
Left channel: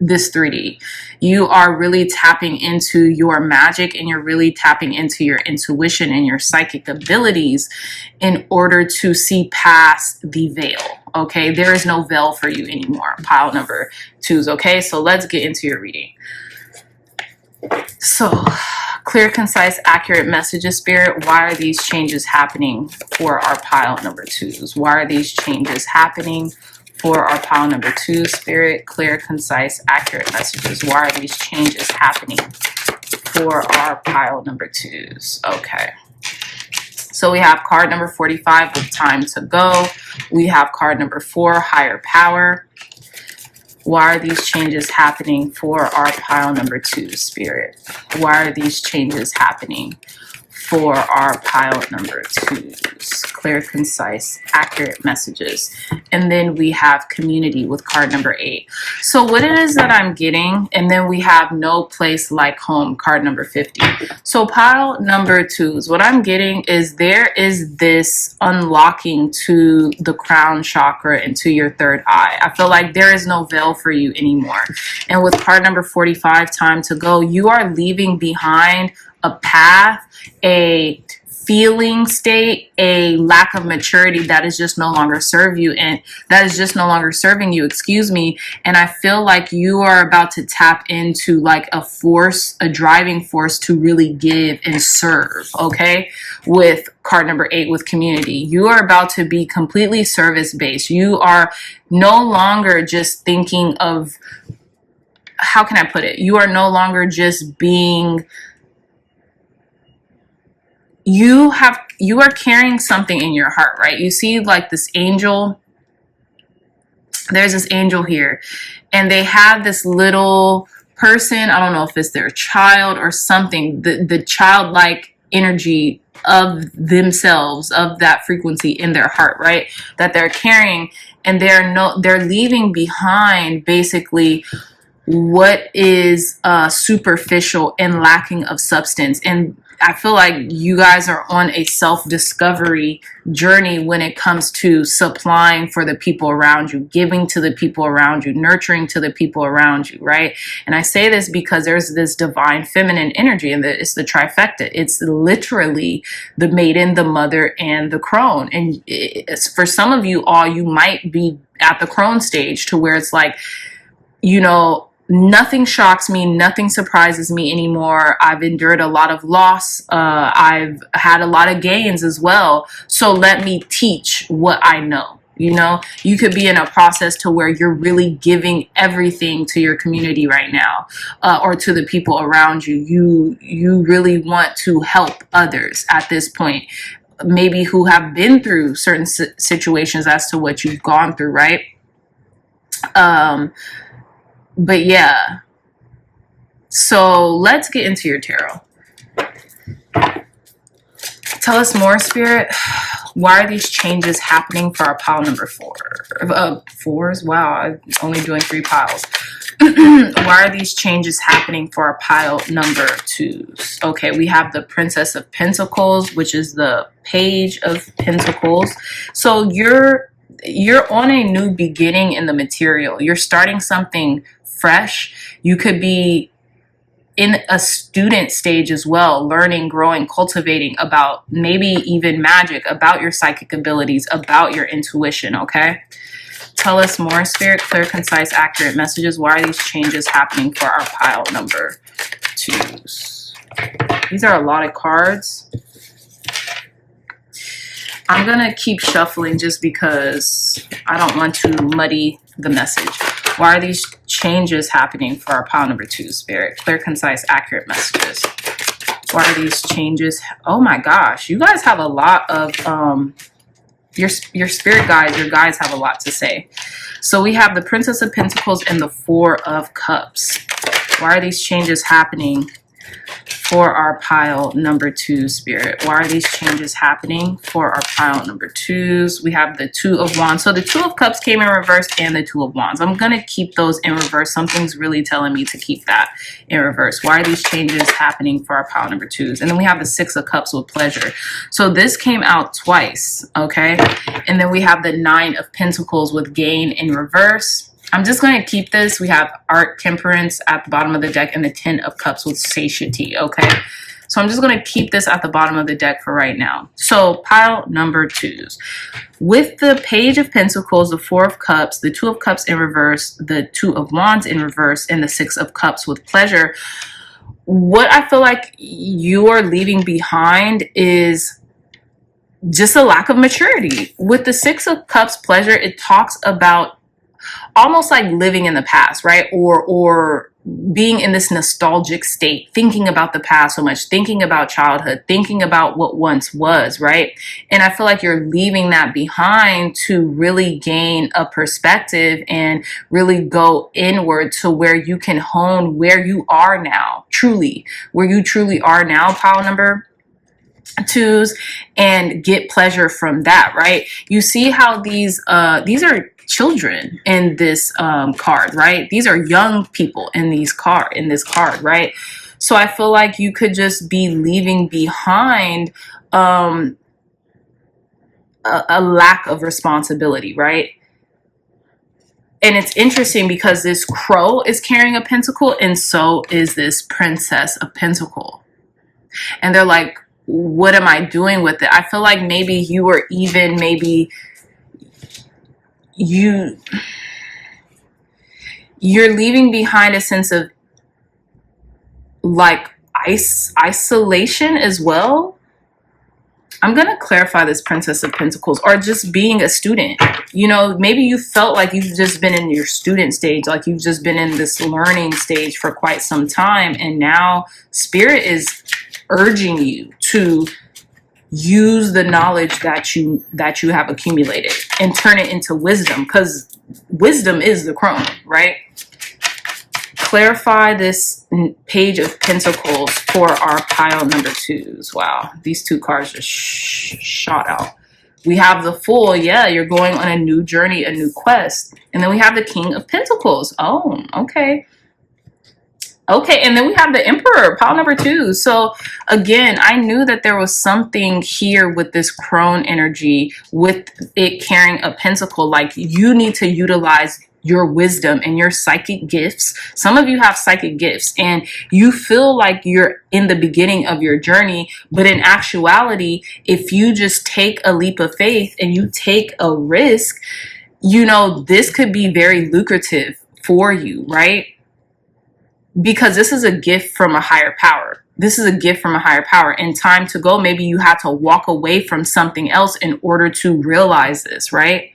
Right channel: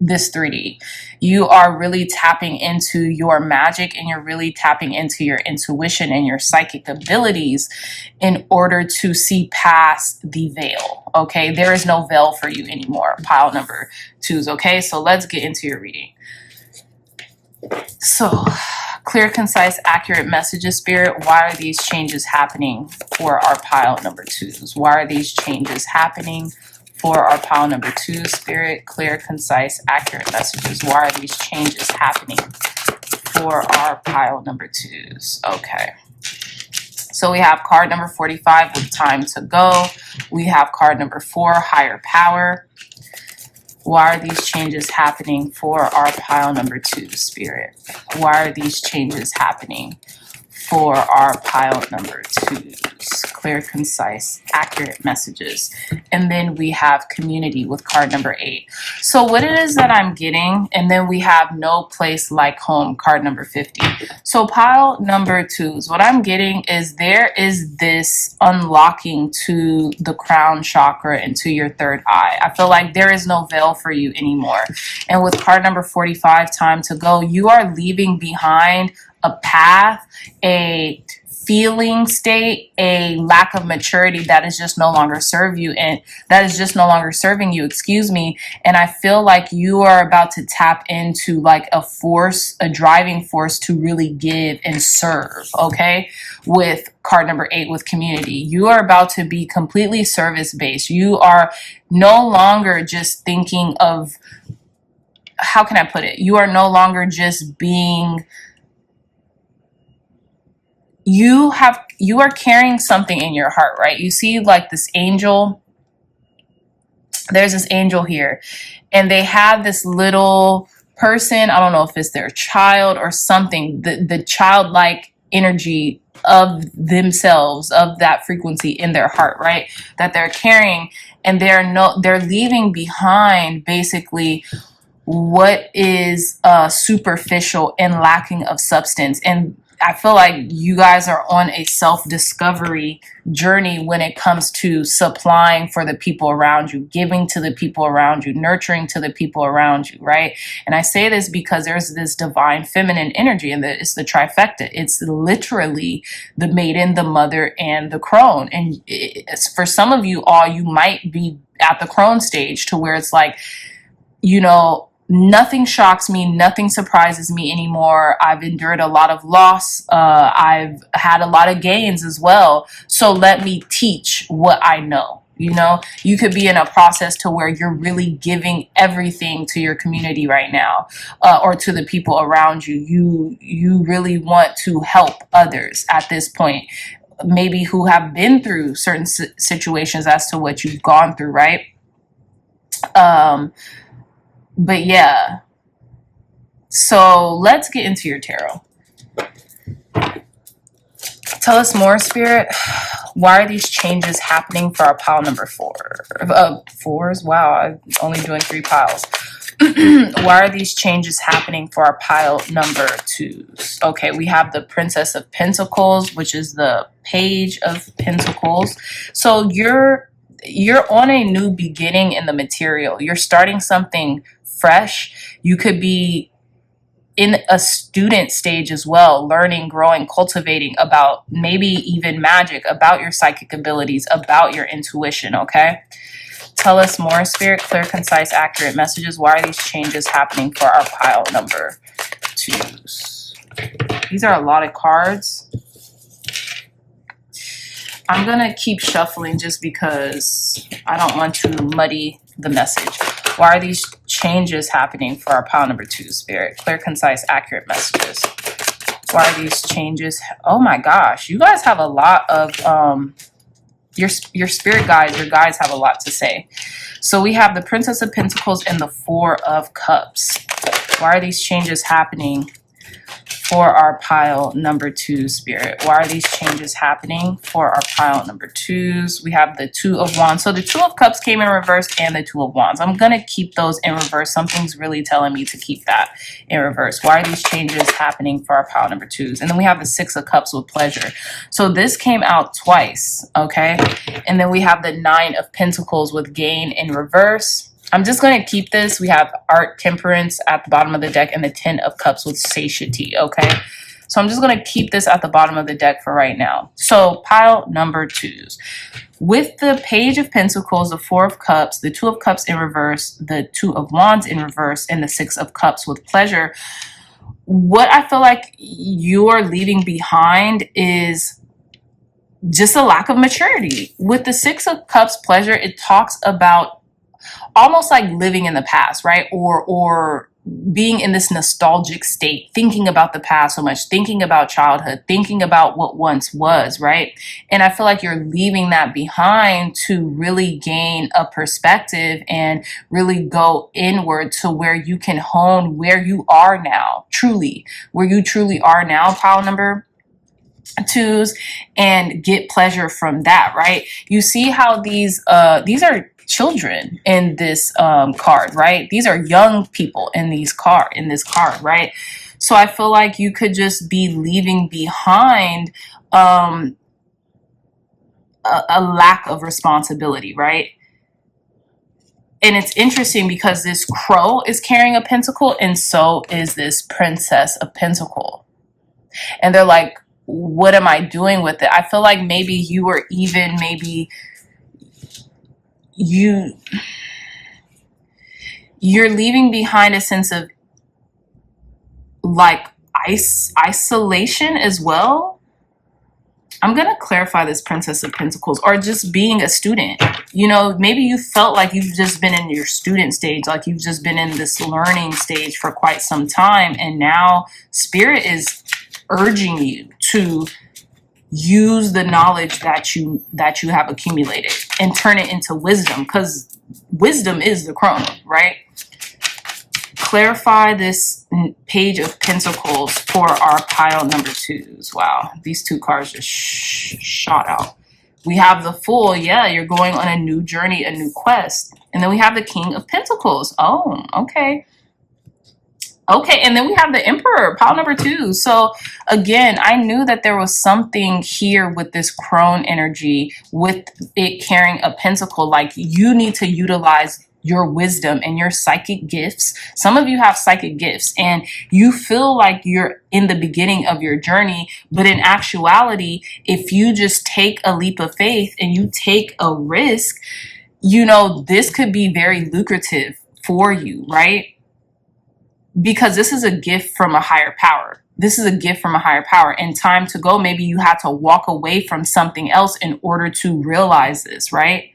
this 3D. You are really tapping into your magic, and you're really tapping into your intuition and your psychic abilities in order to see past the veil. Okay, there is no veil for you anymore, pile number 2s. Okay, so let's get into your reading. So, clear, concise, accurate messages, Spirit. Why are these changes happening for our pile number 2s? Why are these changes happening for our pile number 2, Spirit? Clear, concise, accurate messages. Why are these changes happening for our pile number 2s? Okay. So we have card number 45 with time to go. We have card number 4, higher power. Why are these changes happening for our pile number 2, Spirit? Why are these changes happening for our pile number 2s? Clear, concise, accurate messages. And then we have community with card number 8. So what it is that I'm getting, and then we have no place like home, card number 50. So pile number 2s, what I'm getting is there is this unlocking to the crown chakra and to your third eye. I feel like there is no veil for you anymore. And with card number 45, time to go, you are leaving behind a path, a feeling state, a lack of maturity that is just no longer serving you, and excuse me. And I feel like you are about to tap into like a force, a driving force to really give and serve. Okay, with card number 8 with community, you are about to be completely service based. You are no longer just thinking of, how can I put it? You are no longer just being, you are carrying something in your heart, right? You see like this angel, there's this angel here, and they have this little person, I don't know if it's their child or something, the childlike energy of themselves, of that frequency in their heart, right? That they're carrying, and they're leaving behind basically what is superficial and lacking of substance. And I feel like you guys are on a self-discovery journey when it comes to supplying for the people around you, giving to the people around you, nurturing to the people around you, right? And I say this because there's this divine feminine energy, and it's the trifecta. It's literally the maiden, the mother, and the crone. And for some of you all, you might be at the crone stage to where it's like, you know, nothing shocks me, nothing surprises me anymore. I've endured a lot of loss. I've had a lot of gains as well. So let me teach what I know. You know, you could be in a process to where you're really giving everything to your community right now, or to the people around you. You really want to help others at this point, maybe who have been through certain situations as to what you've gone through, right? But yeah, so let's get into your tarot. Tell us more, Spirit. Why are these changes happening for our pile number 4? Fours? Wow, I'm only doing 3 piles. Why are these changes happening for our pile number 2s? Okay, we have the Princess of Pentacles, which is the Page of Pentacles. So you're on a new beginning in the material. You're starting something fresh. You could be in a student stage as well, learning, growing, cultivating about maybe even magic, about your psychic abilities, about your intuition, okay? Tell us more, Spirit. Clear, concise, accurate messages. Why are these changes happening for our pile number 2s? These are a lot of cards. I'm going to keep shuffling just because I don't want to muddy the message. Why are these changes happening for our pile number 2, Spirit? Clear, concise, accurate messages. Why are these changes? Oh my gosh, you guys have a lot of, your spirit guides, your guides have a lot to say. So we have the Princess of Pentacles and the Four of Cups. Why are these changes happening for our pile number 2, Spirit? Why are these changes happening for our pile number 2s? We have the Two of Wands. So the Two of Cups came in reverse and the Two of Wands. I'm going to keep those in reverse. Something's really telling me to keep that in reverse. Why are these changes happening for our pile number 2s? And then we have the Six of Cups with pleasure. So this came out twice, okay? And then we have the Nine of Pentacles with gain in reverse. I'm just going to keep this. We have Art, Temperance at the bottom of the deck and the Ten of Cups with satiety, okay? So I'm just going to keep this at the bottom of the deck for right now. So pile number 2s. With the Page of Pentacles, the Four of Cups, the Two of Cups in reverse, the Two of Wands in reverse, and the Six of Cups with pleasure, what I feel like you are leaving behind is just a lack of maturity. With the Six of Cups pleasure, it talks about almost like living in the past, right? Or being in this nostalgic state, thinking about the past so much, thinking about childhood, thinking about what once was, right? And I feel like you're leaving that behind to really gain a perspective and really go inward to where you can hone where you are now, truly, where you truly are now, pile number 2s, and get pleasure from that, right? You see how these are children in this card, right? These are young people in this card, right? So I feel like you could just be leaving behind a lack of responsibility, right? And it's interesting because this Crow is carrying a pentacle and so is this Princess of Pentacle. And they're like, what am I doing with it? I feel like maybe you were even, maybe you're leaving behind a sense of like isolation as well. I'm going to clarify this Princess of Pentacles, or just being a student. You know, maybe you felt like you've just been in your student stage, like you've just been in this learning stage for quite some time. And now Spirit is urging you to use the knowledge that you have accumulated and turn it into wisdom, because wisdom is the crown, right? Clarify this Page of Pentacles for our pile number 2s. Wow, these two cards just shot out. We have the Fool. Yeah, you're going on a new journey, a new quest. And then we have the King of Pentacles. Oh, okay. Okay, and then we have the Emperor, pile number 2. So again, I knew that there was something here with this crone energy, with it carrying a pentacle. Like, you need to utilize your wisdom and your psychic gifts. Some of you have psychic gifts and you feel like you're in the beginning of your journey, but in actuality, if you just take a leap of faith and you take a risk, you know, this could be very lucrative for you, right? Because this is a gift from a higher power. This is a gift from a higher power. And time to go, maybe you had to walk away from something else in order to realize this, right?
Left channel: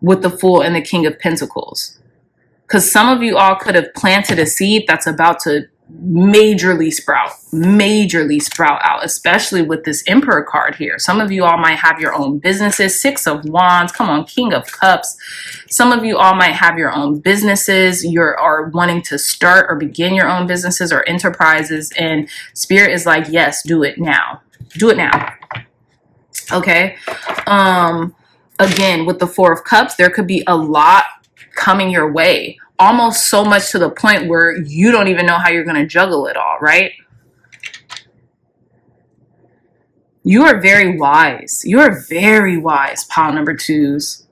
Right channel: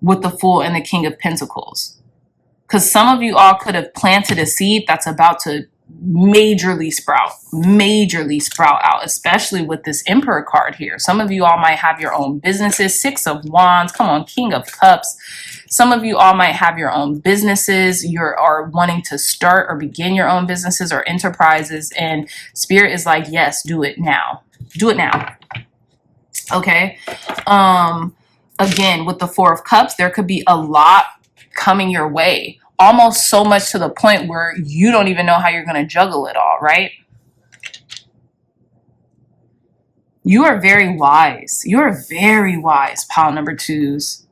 With the Fool and the King of Pentacles. Because some of you all could have planted a seed that's about to majorly sprout out, especially with this Emperor card here. Some of you all might have your own businesses. Six of Wands, come on, King of Cups. Some of you all might have your own businesses. You are wanting to start or begin your own businesses or enterprises, and Spirit is like, yes, do it now. Do it now. Okay. Again, with the Four of Cups, there could be a lot coming your way. Almost so much to the point where you don't even know how you're going to juggle it all, right? You are very wise. You are very wise, pile number 2s.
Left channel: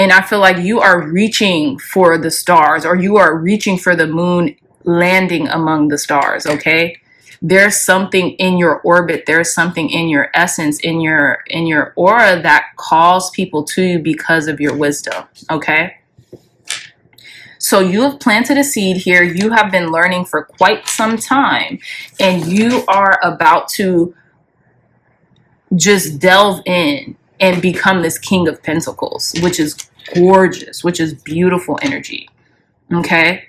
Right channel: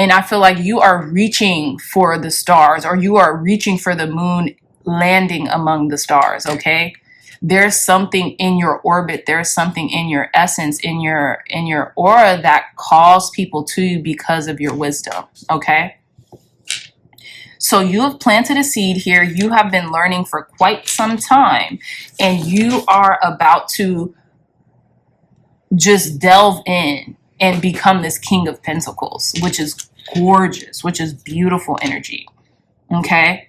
And I feel like you are reaching for the stars, or you are reaching for the moon landing among the stars, okay? There's something in your orbit, there's something in your essence, in your aura that calls people to you because of your wisdom, okay? So you have planted a seed here. You have been learning for quite some time, and you are about to just delve in and become this King of Pentacles, which is gorgeous, which is beautiful energy, okay?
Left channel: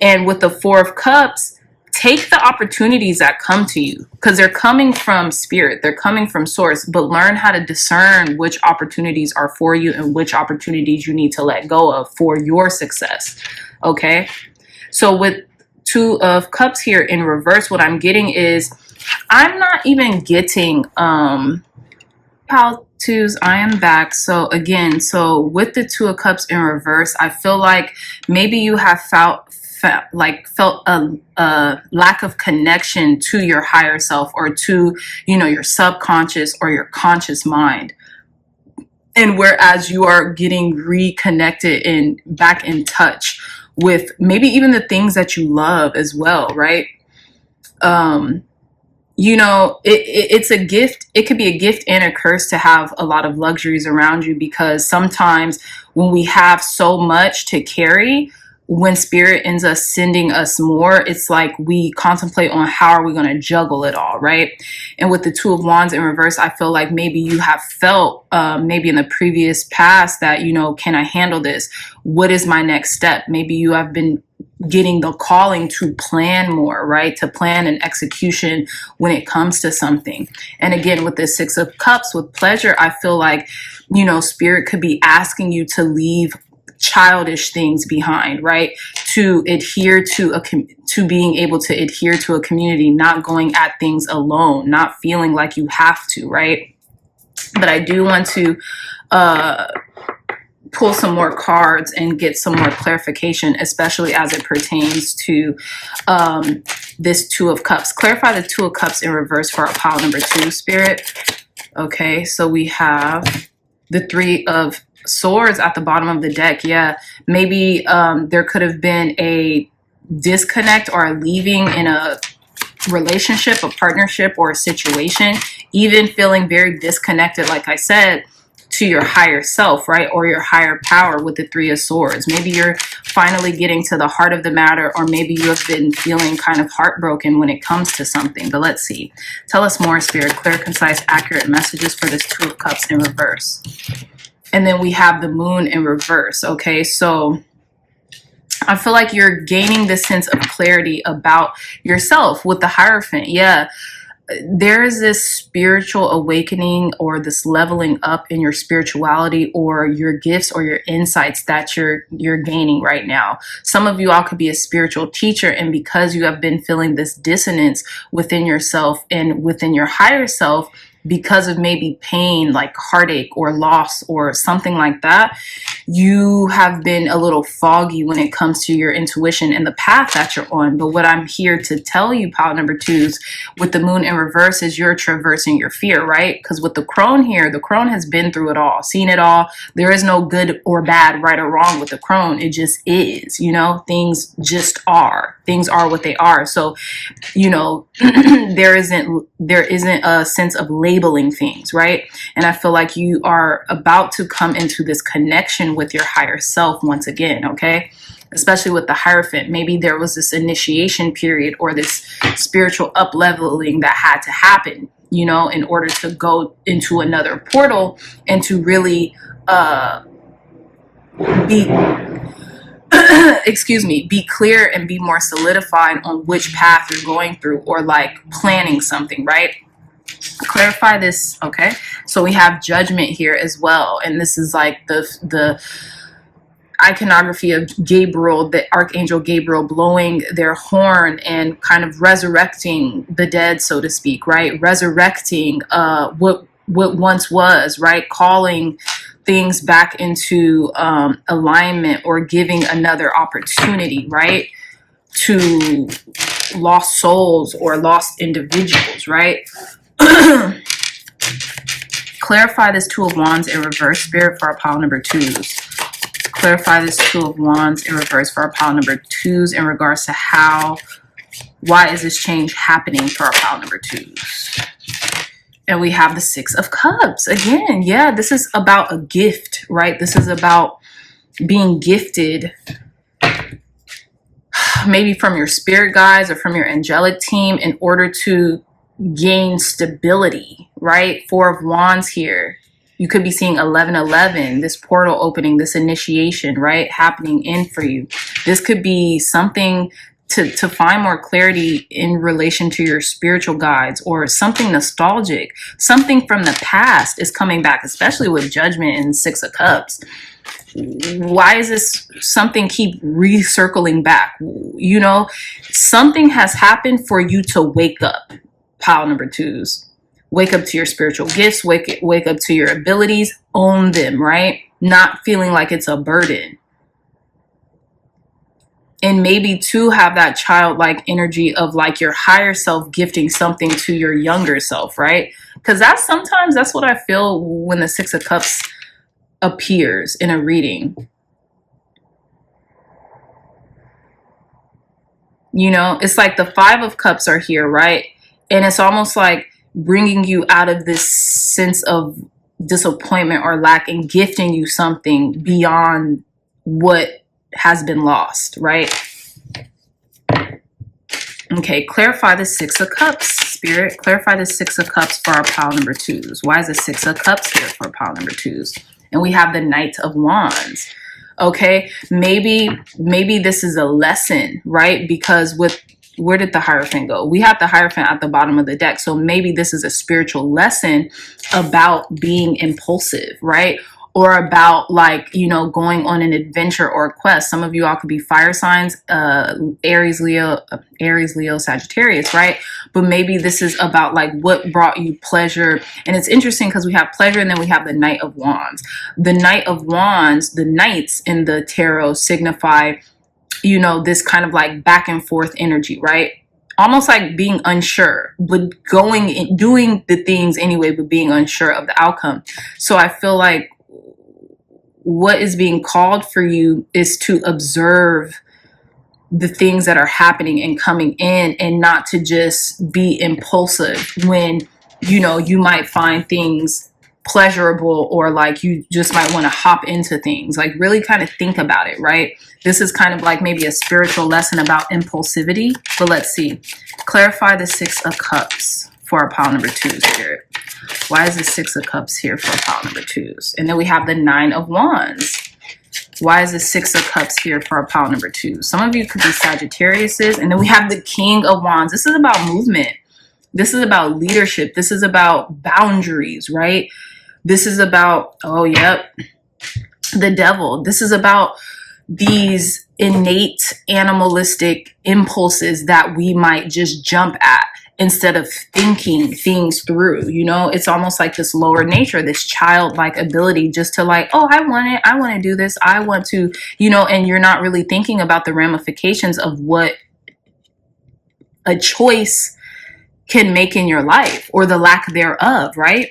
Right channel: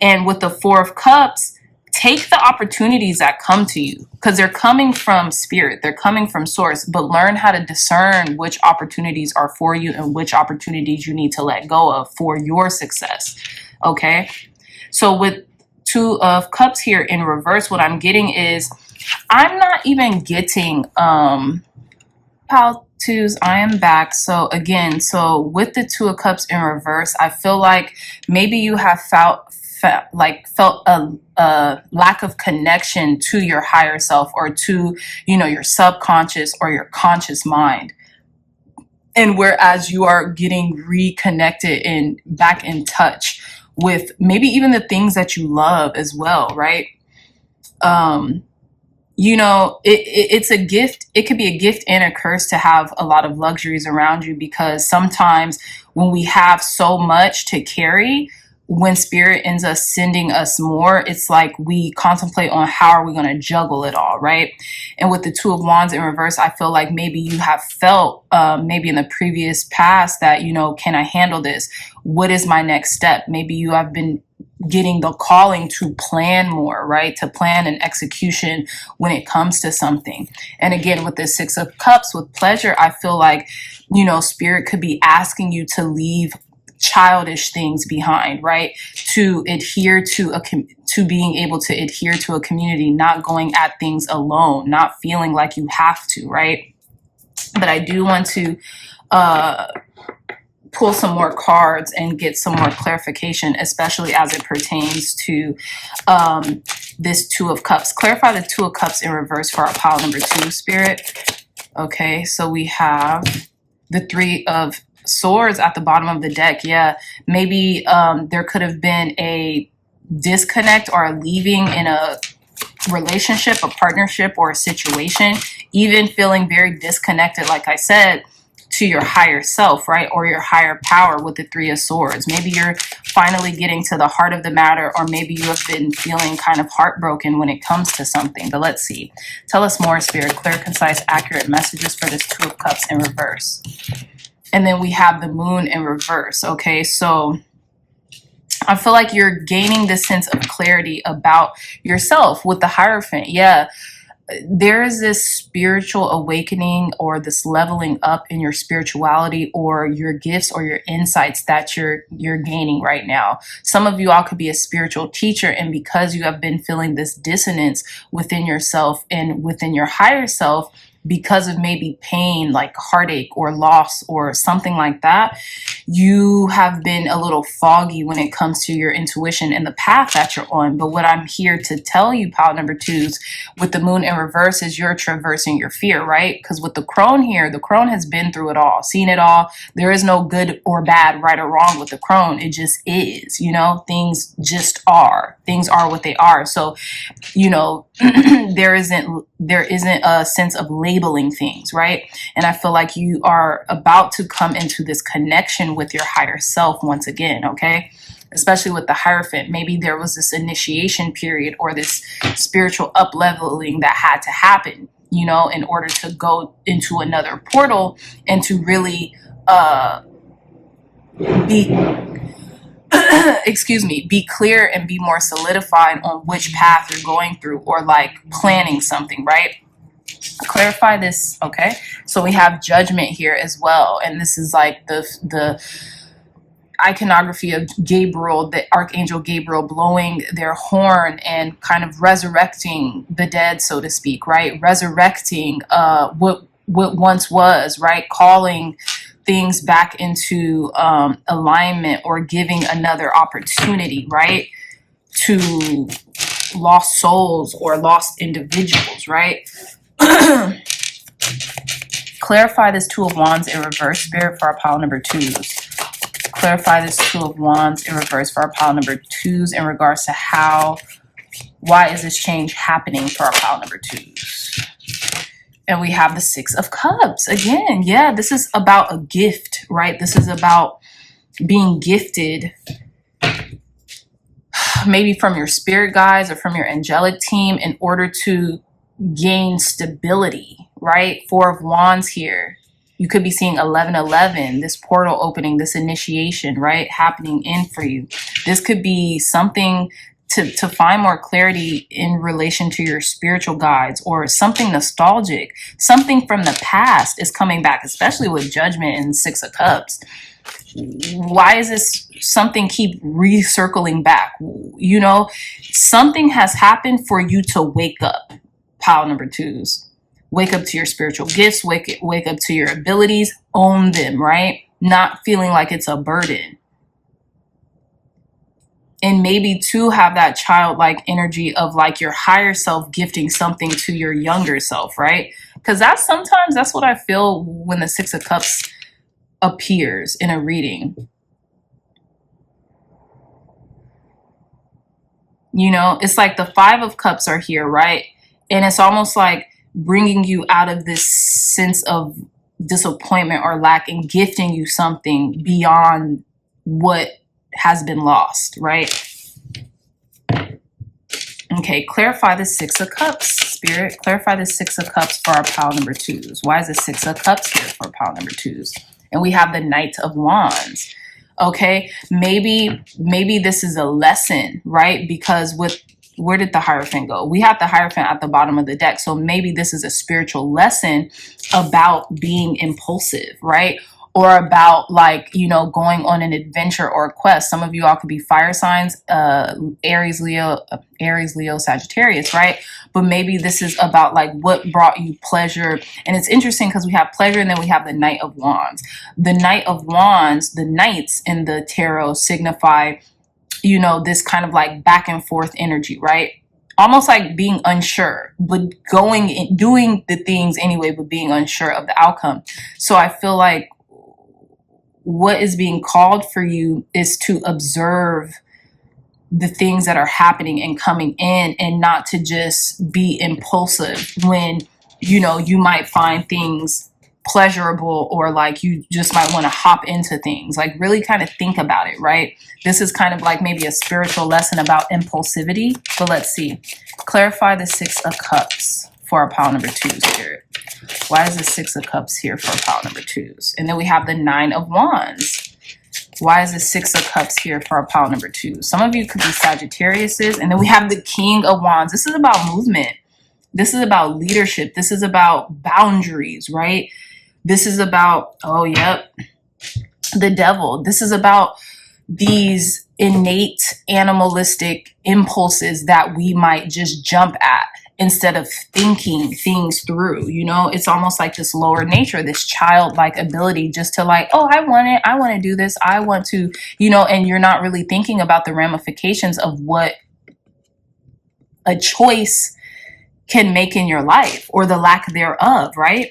And with the Four of Cups, take the opportunities that come to you, because they're coming from spirit, they're coming from source, but learn how to discern which opportunities are for you and which opportunities you need to let go of for your success, okay? So with Two of Cups here in reverse, what I'm getting is, I'm not even getting, Pal twos, I am back. So again, so with the Two of Cups in reverse, I feel like maybe you have felt a lack of connection to your higher self, or to, you know, your subconscious or your conscious mind. And whereas you are getting reconnected and back in touch with maybe even the things that you love as well, right? You know, it's a gift. It could be a gift and a curse to have a lot of luxuries around you, because sometimes when we have so much to carry, when spirit ends up sending us more, it's like we contemplate on how are we going to juggle it all, right? And with the Two of Wands in reverse, I feel like maybe you have felt maybe in the previous past that, you know, can I handle this? What is my next step? Maybe you have been getting the calling to plan more, right? To plan and execution when it comes to something. And again, with the Six of Cups, with pleasure, I feel like, you know, spirit could be asking you to leave childish things behind, right? To adhere to to being able to adhere to a community, not going at things alone, not feeling like you have to, right? But I do want to pull some more cards and get some more clarification, especially as it pertains to this Two of Cups. Clarify the Two of Cups in reverse for our pile number 2, Spirit. Okay, so we have the Three of Swords at the bottom of the deck. Yeah, maybe there could have been a disconnect or a leaving in a relationship, a partnership, or a situation, even feeling very disconnected, like I said, to your higher self, right? Or your higher power with the Three of Swords. Maybe you're finally getting to the heart of the matter, or maybe you have been feeling kind of heartbroken when it comes to something. But let's see. Tell us more, Spirit. Clear, concise, accurate messages for this Two of Cups in reverse. And then we have the Moon in reverse. Okay, so I feel like you're gaining this sense of clarity about yourself with the Hierophant. Yeah, there is this spiritual awakening or this leveling up in your spirituality or your gifts or your insights that you're gaining right now. Some of you all could be a spiritual teacher, and because you have been feeling this dissonance within yourself and within your higher self, because of maybe pain like heartache or loss or something like that, you have been a little foggy when it comes to your intuition and the path that you're on. But what I'm here to tell you, pile number 2s, with the Moon in reverse, is you're traversing your fear, right? Because with the Crone here, the Crone has been through it all, seen it all. There is no good or bad, right or wrong with the Crone. It just is, you know, things just are. Things are what they are. So, you know, there isn't a sense of labeling things, right? And I feel like you are about to come into this connection with your higher self once again, okay? Especially with the Hierophant. Maybe there was this initiation period or this spiritual up-leveling that had to happen, you know, in order to go into another portal and to really be clear and be more solidified on which path you're going through, or like planning something, right? Clarify this. Okay, so we have Judgment here as well, and this is like the iconography of Gabriel, the Archangel Gabriel, blowing their horn and kind of resurrecting the dead, so to speak, right? Resurrecting what once was, right? Calling things back into alignment, or giving another opportunity, right? To lost souls or lost individuals, right? Clarify this Two of Wands in reverse, Spirit, for our pile number 2s. Clarify this Two of Wands in reverse for our pile number 2s in regards to why is this change happening for our pile number 2s? And we have the Six of Cups. Again, yeah, this is about a gift, right? This is about being gifted, maybe from your spirit guides or from your angelic team, in order to gain stability, right? Four of Wands here. You could be seeing 1111, this portal opening, this initiation, right, happening in for you. This could be something to find more clarity in relation to your spiritual guides, or something nostalgic, something from the past is coming back, especially with Judgment and Six of Cups. Why is this something keep recircling back? You know, something has happened for you to wake up, pile number 2s. Wake up to your spiritual gifts, wake up to your abilities, own them, right? Not feeling like it's a burden. And maybe to have that childlike energy of like your higher self gifting something to your younger self, right? Because sometimes that's what I feel when the Six of Cups appears in a reading. You know, it's like the Five of Cups are here, right? And it's almost like bringing you out of this sense of disappointment or lack and gifting you something beyond what has been lost, right? Okay, clarify the Six of Cups, Spirit. Clarify the Six of Cups for our pile number 2s. Why is the Six of Cups here for pile number 2s? And we have the Knight of Wands. Okay, maybe this is a lesson, right? Because where did the Hierophant go? We have the Hierophant at the bottom of the deck. So maybe this is a spiritual lesson about being impulsive, right? Or about, like, you know, going on an adventure or a quest. Some of you all could be fire signs, Aries, Leo, Sagittarius, right? But maybe this is about like what brought you pleasure. And it's interesting because we have pleasure and then we have the Knight of Wands. The Knight of Wands, the knights in the tarot signify, you know, this kind of like back and forth energy, right? Almost like being unsure, but doing the things anyway, but being unsure of the outcome. So I feel like what is being called for you is to observe the things that are happening and coming in, and not to just be impulsive when, you know, you might find things pleasurable, or like you just might want to hop into things. Like really kind of think about it, right? This is kind of like maybe a spiritual lesson about impulsivity. But let's see. Clarify the Six of Cups for our pile number 2, Spirit. Why is the Six of Cups here for pile number 2s? And then we have the Nine of Wands. Why is the Six of Cups here for our pile number 2? Some of you could be Sagittariuses. And then we have the King of Wands. This is about movement. This is about leadership. This is about boundaries, right? This is about, oh, yep, the Devil. This is about these innate animalistic impulses that we might just jump at instead of thinking things through. You know, it's almost like this lower nature, this childlike ability just to like, oh, I want to do this. I want to, you know, and you're not really thinking about the ramifications of what a choice can make in your life, or the lack thereof, right?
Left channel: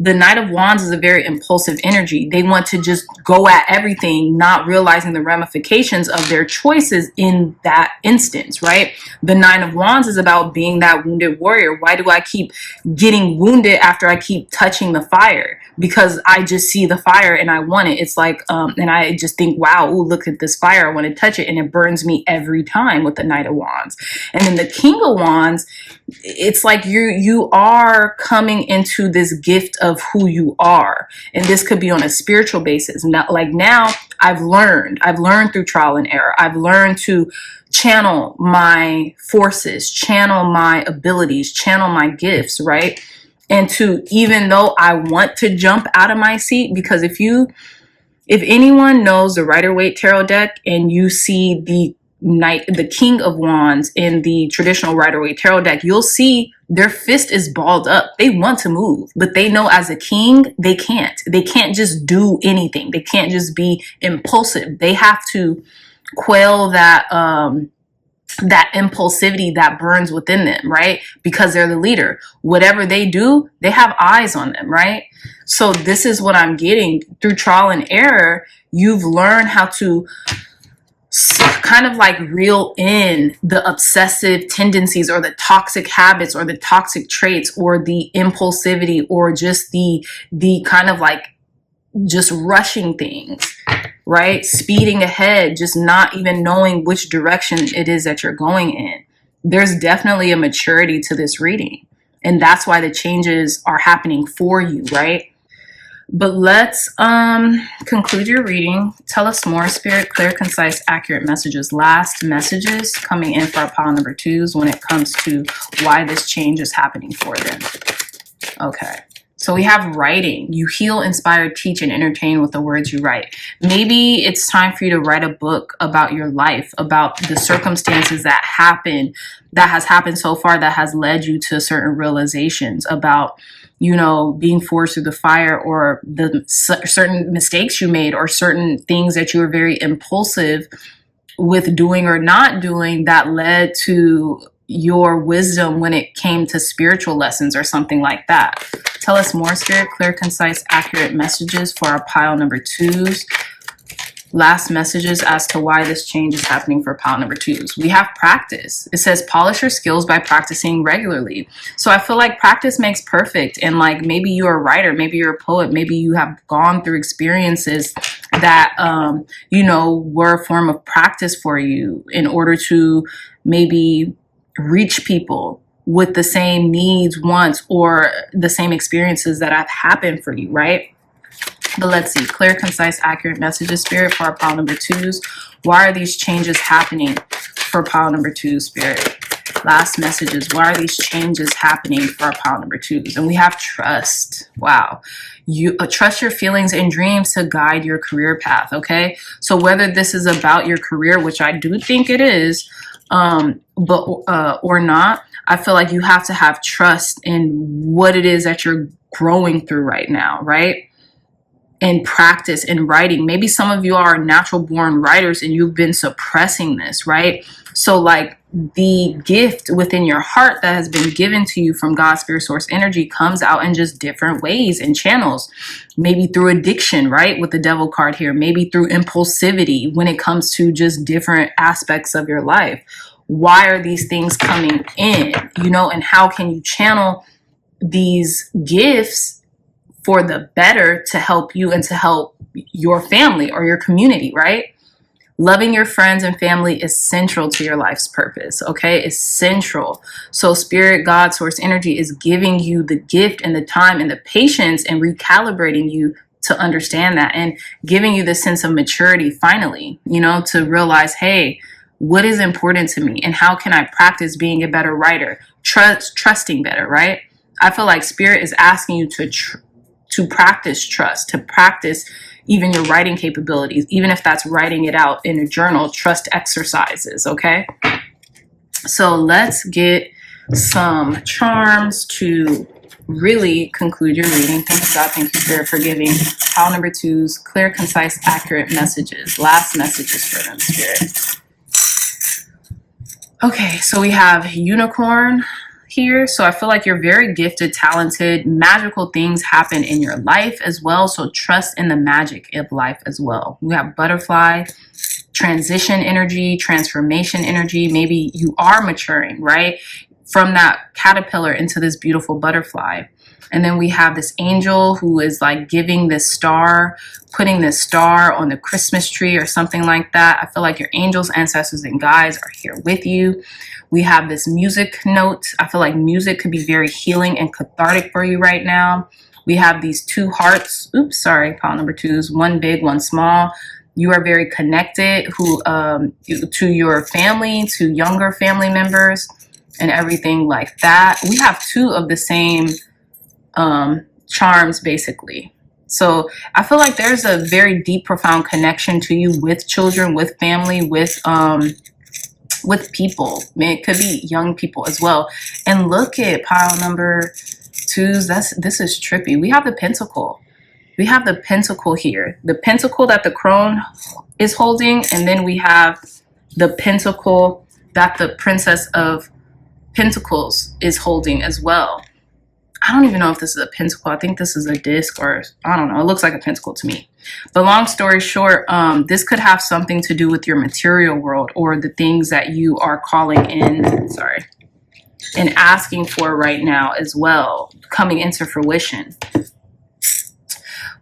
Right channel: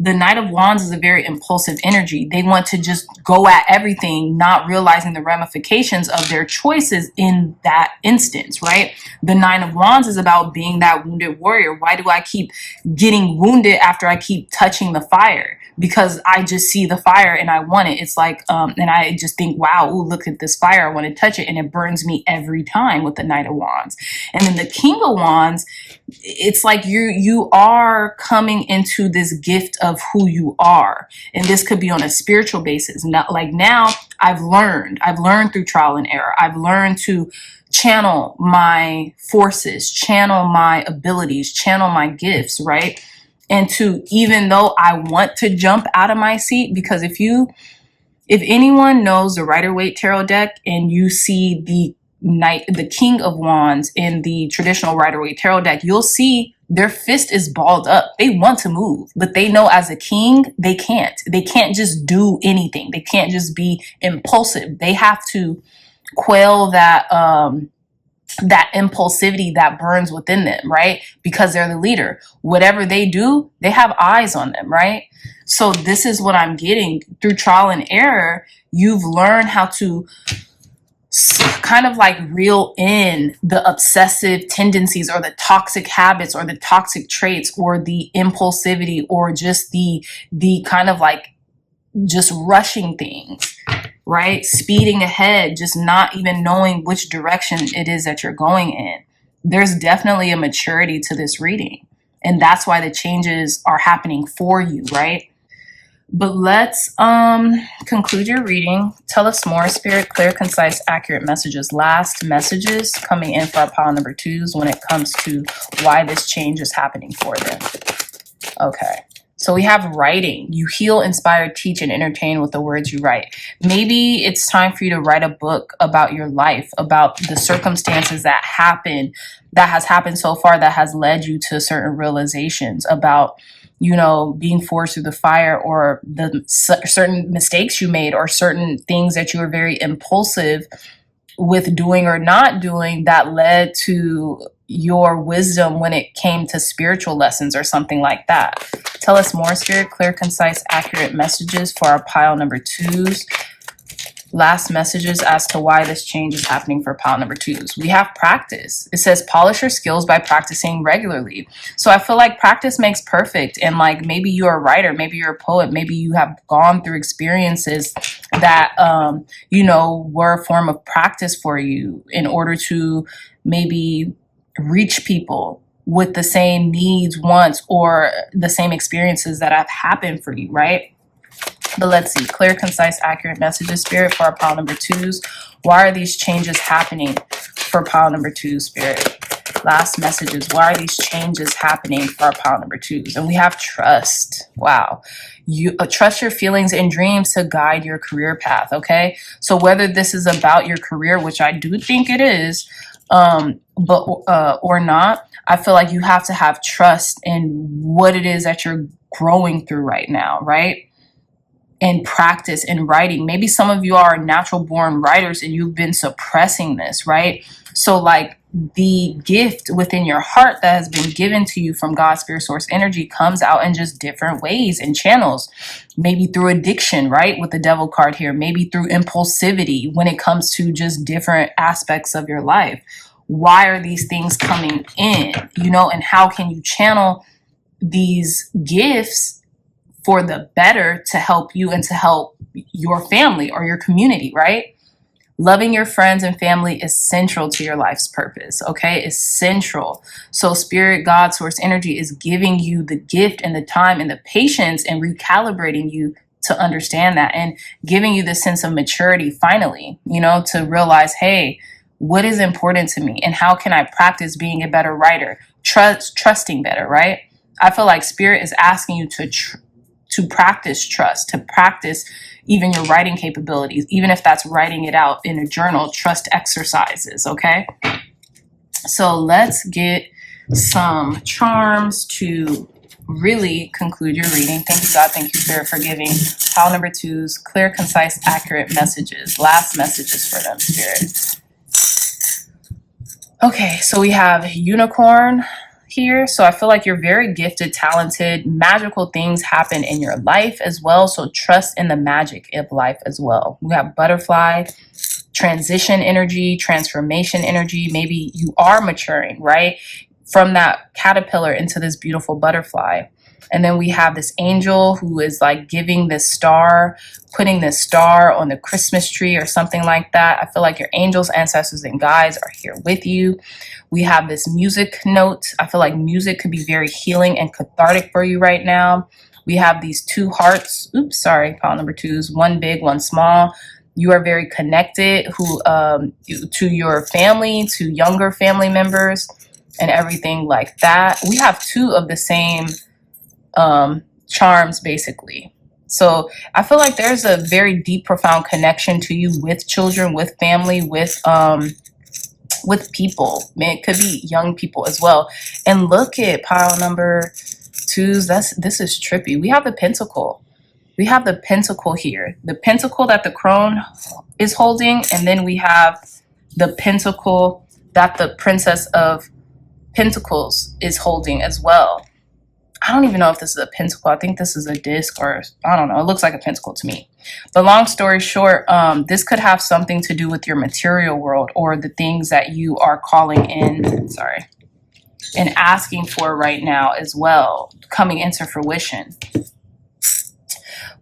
The Knight of Wands is a very impulsive energy. They want to just go at everything, not realizing the ramifications of their choices in that instance, right? The Nine of Wands is about being that wounded warrior. Why do I keep getting wounded after I keep touching the fire? Because I just see the fire and I want it. It's like, and I just think, wow, ooh, look at this fire. I want to touch it. And it burns me every time with the Knight of Wands. And then the King of Wands, it's like you are coming into this gift of who you are. And this could be on a spiritual basis. Now I've learned through trial and error. I've learned to channel my forces, channel my abilities, channel my gifts, right? And to, even though I want to jump out of my seat, because if anyone knows the Rider-Waite tarot deck and you see the King of Wands in the traditional Rider-Waite tarot deck, you'll see their fist is balled up. They want to move, but they know as a king, they can't. They can't just do anything. They can't just be impulsive. They have to quell that that impulsivity that burns within them, right? Because they're the leader. Whatever they do, they have eyes on them, right? So this is what I'm getting through trial and error. You've learned how to kind of like reel in the obsessive tendencies or the toxic habits or the toxic traits or the impulsivity or just the kind of like just rushing things, right? Speeding ahead, just not even knowing which direction it is that you're going in. There's definitely a maturity to this reading. And that's why the changes are happening for you, right? But let's conclude your reading. Tell us more, Spirit, clear, concise, accurate messages. Last messages coming in for our pile number 2s when it comes to why this change is happening for them. Okay. So we have writing. You heal, inspire, teach, and entertain with the words you write. Maybe it's time for you to write a book about your life, about the circumstances that has happened so far that has led you to certain realizations about, you know, being forced through the fire or the certain mistakes you made or certain things that you were very impulsive with doing or not doing that led to your wisdom when it came to spiritual lessons or something like that. Tell us more, Spirit, clear, concise, accurate messages for our pile number 2s. Last messages as to why this change is happening for pile number 2s. We have practice. It says polish your skills by practicing regularly. So I feel like practice makes perfect. And like maybe you're a writer, maybe you're a poet, maybe you have gone through experiences that, you know, were a form of practice for you in order to maybe reach people with the same needs, wants, or the same experiences that have happened for you, right? But let's see, clear, concise, accurate messages, Spirit, for our pile number 2s. Why are these changes happening for pile number 2, Spirit? Last messages, why are these changes happening for our pile number 2s? And we have trust. Wow. You trust your feelings and dreams to guide your career path, okay? So whether this is about your career, which I do think it is, or not, I feel like you have to have trust in what it is that you're growing through right now, right? And practice in writing. Maybe some of you are natural born writers and you've been suppressing this, right? So like the gift within your heart that has been given to you from God's spirit source energy comes out in just different ways and channels. Maybe through addiction, right? With the devil card here. Maybe through impulsivity when it comes to just different aspects of your life. Why are these things coming in? You know, and how can you channel these gifts for the better to help you and to help your family or your community, right? Loving your friends and family is central to your life's purpose, okay? It's central. So Spirit, God, Source Energy is giving you the gift and the time and the patience and recalibrating you to understand that and giving you the sense of maturity finally, you know, to realize, hey, what is important to me and how can I practice being a better writer, trusting better, right? I feel like Spirit is asking you to practice trust, to practice even your writing capabilities, even if that's writing it out in a journal, trust exercises, okay? So let's get some charms to really conclude your reading. Thank you, God. Thank you, Spirit, for giving pile number 2s clear, concise, accurate messages. Last messages for them, Spirit. Okay, so we have unicorn here. So I feel like you're very gifted, talented, magical things happen in your life as well. So trust in the magic of life as well. We have butterfly, transition energy, transformation energy. Maybe you are maturing, right? From that caterpillar into this beautiful butterfly. And then we have this angel who is like giving this star, putting this star on the Christmas tree or something like that. I feel like your angels, ancestors, and guides are here with you. We have this music note. I feel like music could be very healing and cathartic for you right now. We have these 2 hearts. Oops, sorry, pile number 2s. One big, one small. You are very connected to your family, to younger family members, and everything like that. We have 2 of the same charms, basically. So I feel like there's a very deep, profound connection to you with children, with family, with people. Man, it could be young people as well. And look at pile number 2s. This is trippy. We have the pentacle. We have the pentacle here. The pentacle that the crone is holding, and then we have the pentacle that the Princess of Pentacles is holding as well. I don't even know if this is a pentacle. I think this is a disc, or I don't know. It looks like a pentacle to me. But long story short, this could have something to do with your material world or the things that you are calling in, sorry, and asking for right now as well, coming into fruition.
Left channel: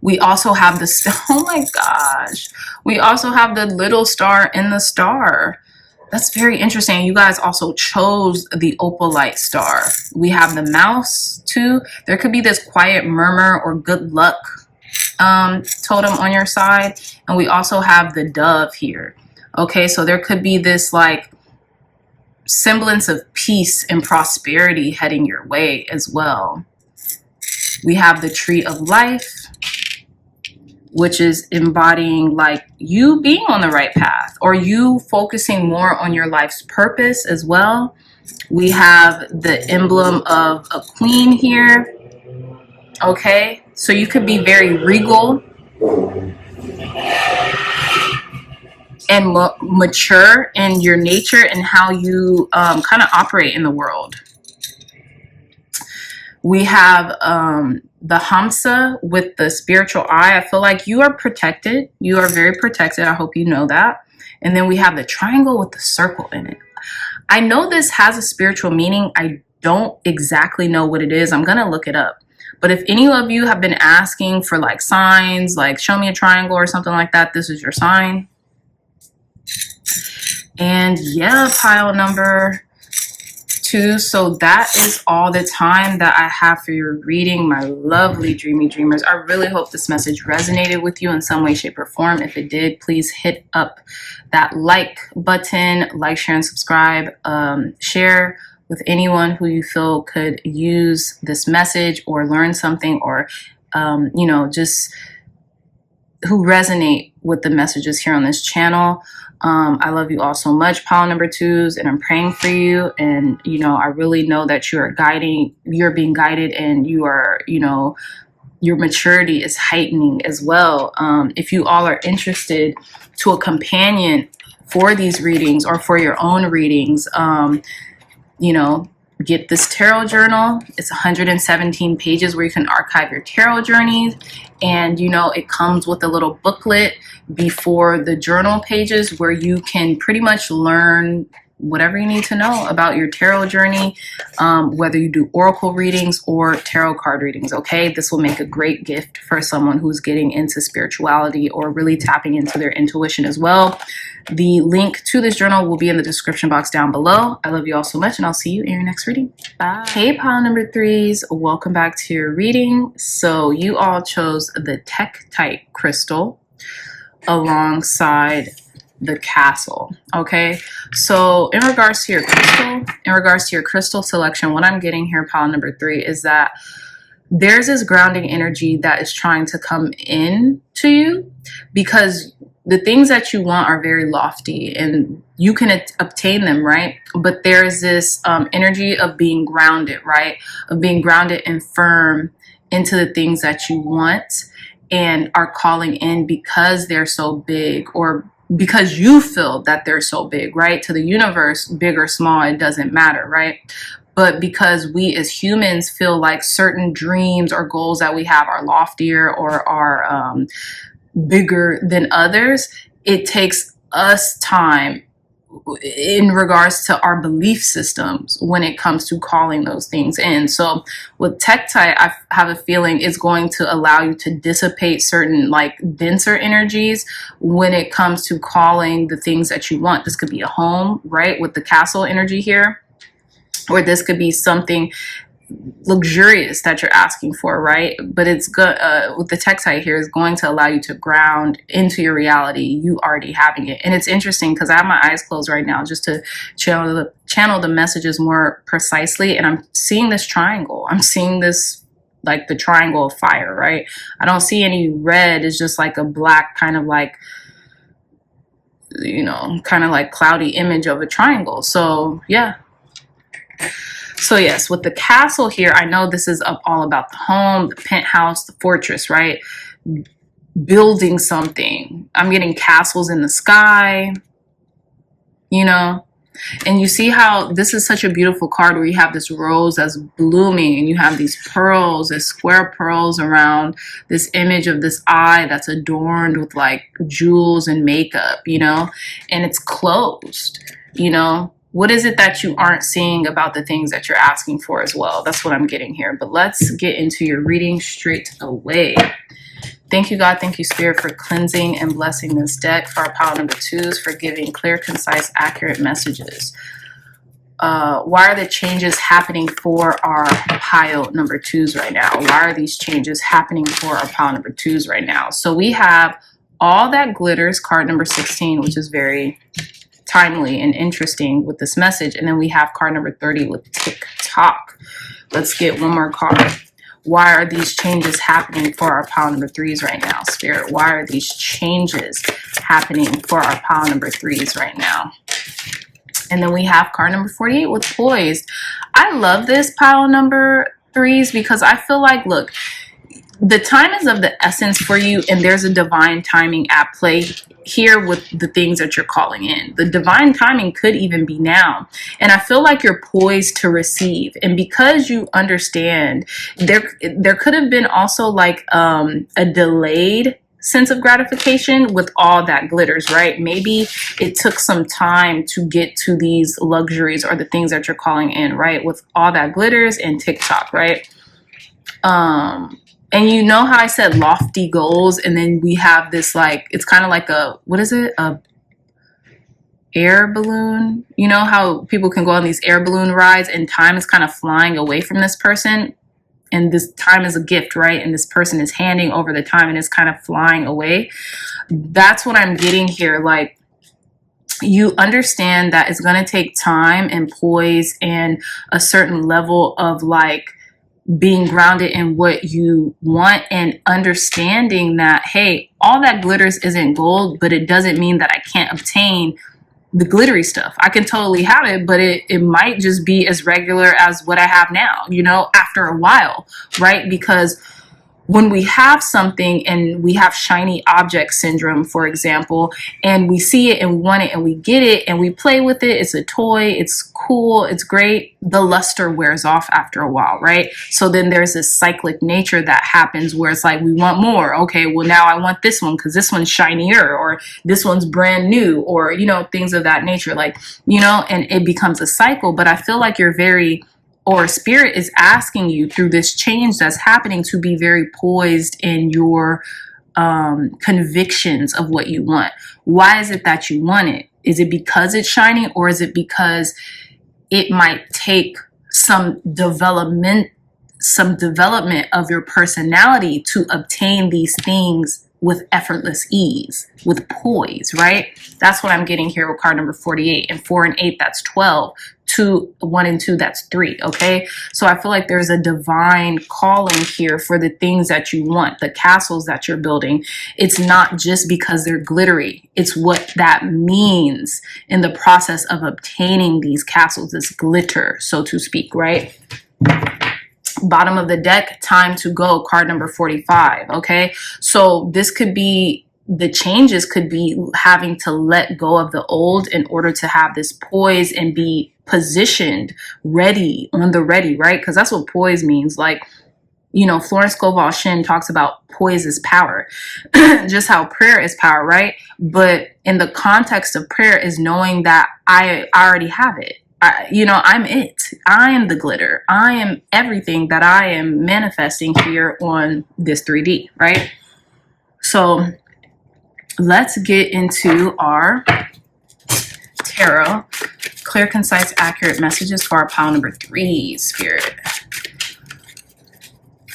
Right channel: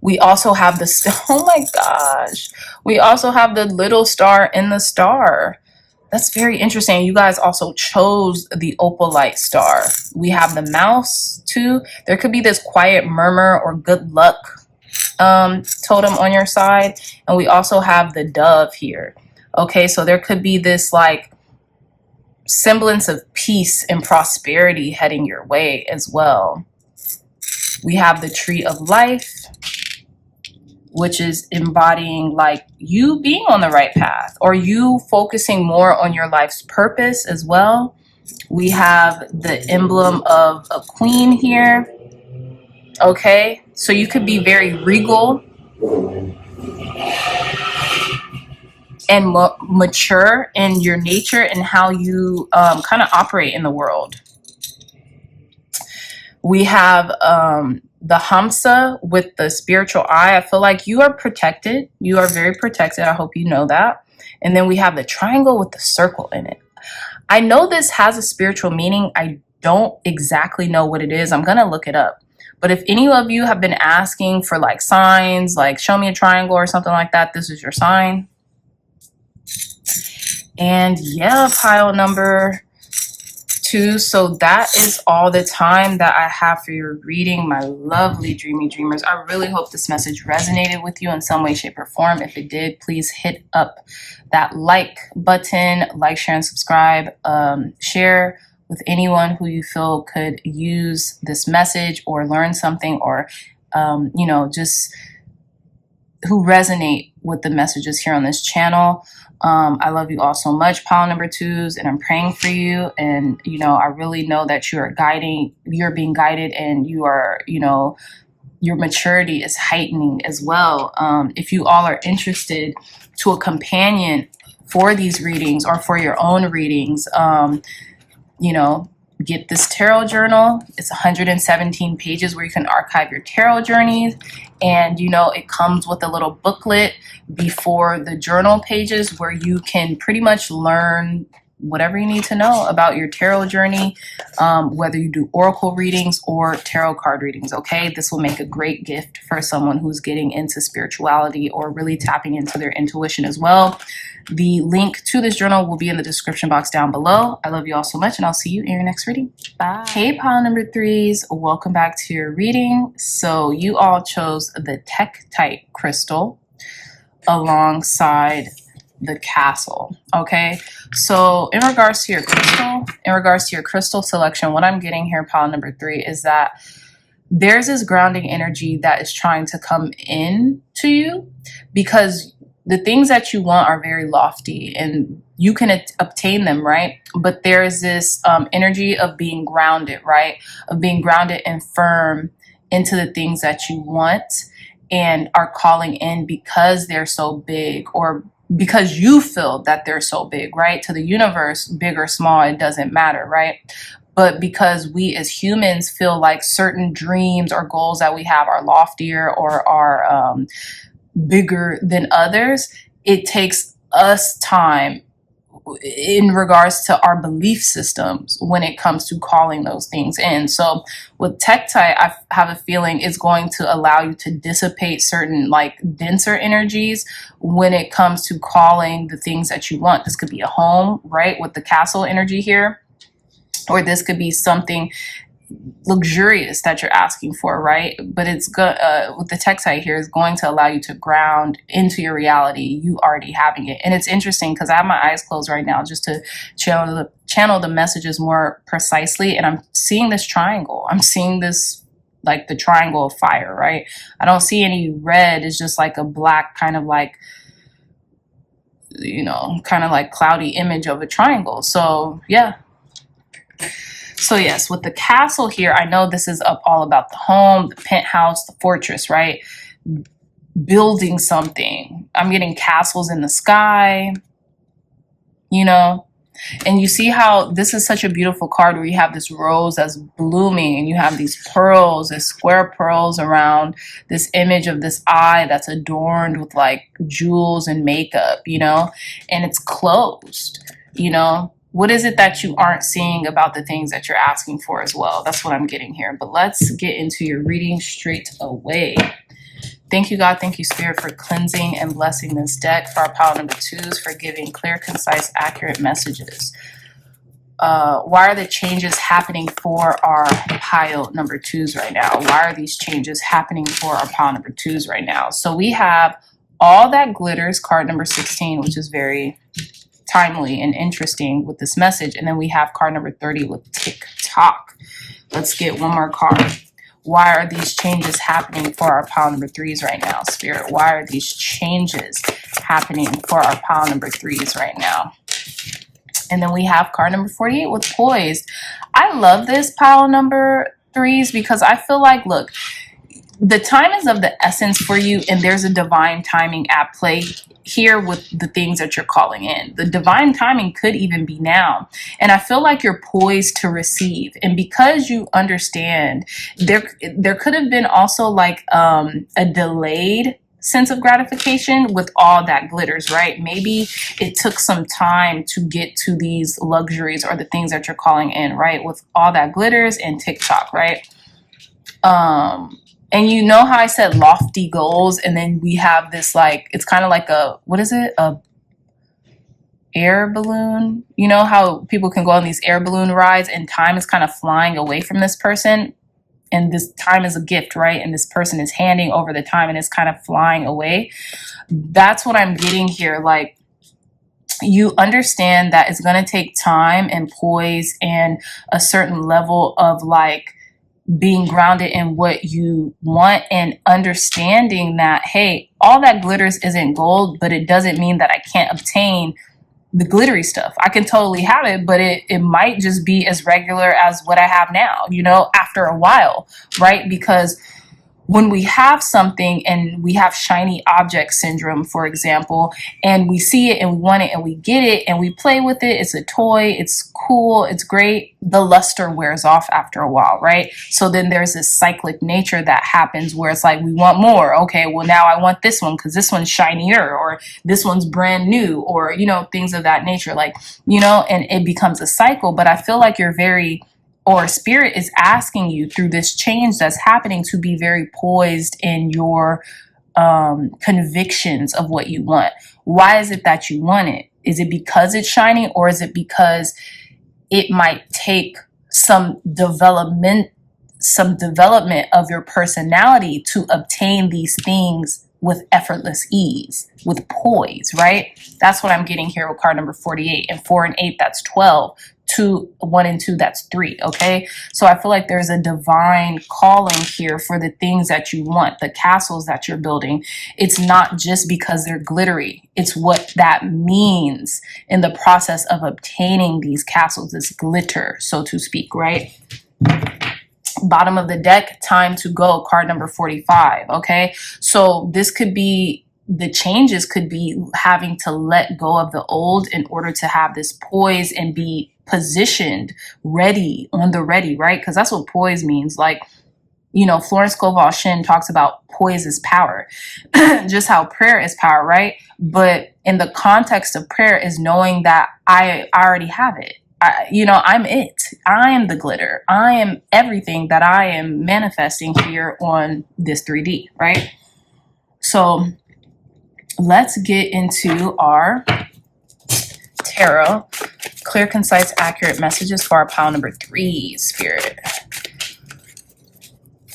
We also have the, oh my gosh, we also have the little star in the star. That's very interesting. You guys also chose the Opalite star. We have the mouse too. There could be this quiet murmur or good luck totem on your side. And we also have the dove here. Okay, so there could be this like semblance of peace and prosperity heading your way as well. We have the tree of life, which is embodying like you being on the right path or you focusing more on your life's purpose as well. We have the emblem of a queen here. Okay, so you could be very regal and mature in your nature and how you kind of operate in the world. We have the Hamsa with the spiritual eye. I feel like you are protected. You are very protected. I hope you know that. And then we have the triangle with the circle in it. I know this has a spiritual meaning. I don't exactly know what it is. I'm going to look it up. But if any of you have been asking for like signs, like show me a triangle or something like that, this is your sign. And yeah, pile number 2. So that is all the time that I have for your reading, my lovely dreamy dreamers. I really hope this message resonated with you in some way, shape, or form. If it did, please hit up that like button, like, share, and subscribe. Share with anyone who you feel could use this message or learn something, or you know, just who resonate with the messages here on this channel. I love you all so much, pile number 2s, and I'm praying for you. And, you know, I really know that you're being guided, and you are, you know, your maturity is heightening as well. If you all are interested to a companion for these readings or for your own readings, you know, get this tarot journal. It's 117 pages where you can archive your tarot journeys. And, you know, it comes with a little booklet before the journal pages where you can pretty much learn whatever you need to know about your tarot journey, whether you do oracle readings or tarot card readings. Okay, this will make a great gift for someone who's getting into spirituality or really tapping into their intuition as well. The link to this journal will be in the description box down below. I love you all so much, and I'll see you in your next reading. Bye. Hey, pile number 3s, welcome back to your reading. So you all chose the Tektite crystal alongside the castle. Okay, so in regards to your crystal selection, what I'm getting here, pile number 3, is that there's this grounding energy that is trying to come in to you, because the things that you want are very lofty and you can obtain them, right? But there's this energy of being grounded, right? Of being grounded and firm into the things that you want and are calling in because they're so big, or because you feel that they're so big, right? To the universe, big or small, it doesn't matter, right? But because we as humans feel like certain dreams or goals that we have are loftier or are bigger than others, it takes us time in regards to our belief systems when it comes to calling those things in. So with Tektite, I have a feeling it's going to allow you to dissipate certain like denser energies when it comes to calling the things that you want. This could be a home, right? With the castle energy here, or this could be something luxurious that you're asking for, right? But it's good with the Tektite here is going to allow you to ground into your reality, you already having it. And it's interesting because I have my eyes closed right now just to channel the messages more precisely, and I'm seeing this triangle. I'm seeing this like the triangle of fire, right? I don't see any red. It's just like a black kind of like, you know, kind of like cloudy image of a triangle. So yeah. So yes, with the castle here, I know this is all about the home, the penthouse, the fortress, right? Building something. I'm getting castles in the sky, you know, And you see how this is such a beautiful card where you have this rose that's blooming and you have these pearls, this square pearls around this image of this eye that's adorned with like jewels and makeup, you know, and it's closed, you know. What is it that you aren't seeing about the things that you're asking for as well? That's what I'm getting here. But let's get into your reading straight away. Thank you, God. Thank you, Spirit, for cleansing and blessing this deck. For our pile number 2s, for giving clear, concise, accurate messages. Why are the changes happening for our pile number 2s right now? Why are these changes happening for our pile number 2s right now? So we have All That Glitters, card number 16, which is very timely and interesting with this message. And then we have card number 30 with TikTok. Let's get one more card. Why are these changes happening for our pile number 3s right now, Spirit? Why are these changes happening for our pile number 3s right now? And then we have card number 48 with Poised. I love this pile number 3s because I feel like, look, the time is of the essence for you, and there's a divine timing at play here with the things that you're calling in. The divine timing could even be now. And I feel like you're poised to receive. And because you understand, there could have been also like a delayed sense of gratification with All That Glitters, right? Maybe it took some time to get to these luxuries or the things that you're calling in, right? With All That Glitters and TikTok, right? And you know how I said lofty goals, and then we have this like, it's kind of like a, what is it? A air balloon. You know how people can go on these air balloon rides and time is kind of flying away from this person, and this time is a gift, right? And this person is handing over the time and it's kind of flying away. That's what I'm getting here. Like, you understand that it's going to take time and poise and a certain level of like being grounded in what you want and understanding that, hey, all that glitters isn't gold, but it doesn't mean that I can't obtain the glittery stuff. I can totally have it, but it might just be as regular as what I have now, you know, after a while, right? Because when we have something and we have shiny object syndrome, for example, and we see it and we want it and we get it and we play with it, it's a toy, it's cool, it's great, the luster wears off after a while, right? So then there's this cyclic nature that happens where it's like, we want more. Okay, well now I want this one because this one's shinier, or this one's brand new, or, you know, things of that nature, like, you know, and it becomes a cycle. But I feel like you're very, or Spirit is asking you through this change that's happening to be very poised in your convictions of what you want. Why is it that you want it? Is it because it's shiny, or is it because it might take some development of your personality to obtain these things with effortless ease, with poise, right? That's what I'm getting here with card number 48. And 4 and 8, that's 12. 2, 1 and 2, that's 3. Okay, so I feel like there's a divine calling here for the things that you want, the castles that you're building. It's not just because they're glittery, it's what that means in the process of obtaining these castles, this glitter, so to speak, right? Bottom of the deck, time to go, card number 45. Okay, so this could be, the changes could be having to let go of the old in order to have this poise and be positioned ready, on the ready, right? Because that's what poise means. Like, you know, Florence Scovel Shin talks about poise is power, just how prayer is power, right? But in the context of prayer is knowing that I already have it. You know, I'm it. I am the glitter. I am everything that I am manifesting here on this 3D, right? So let's get into our tarot. Clear, concise, accurate messages for our pile number 3, Spirit.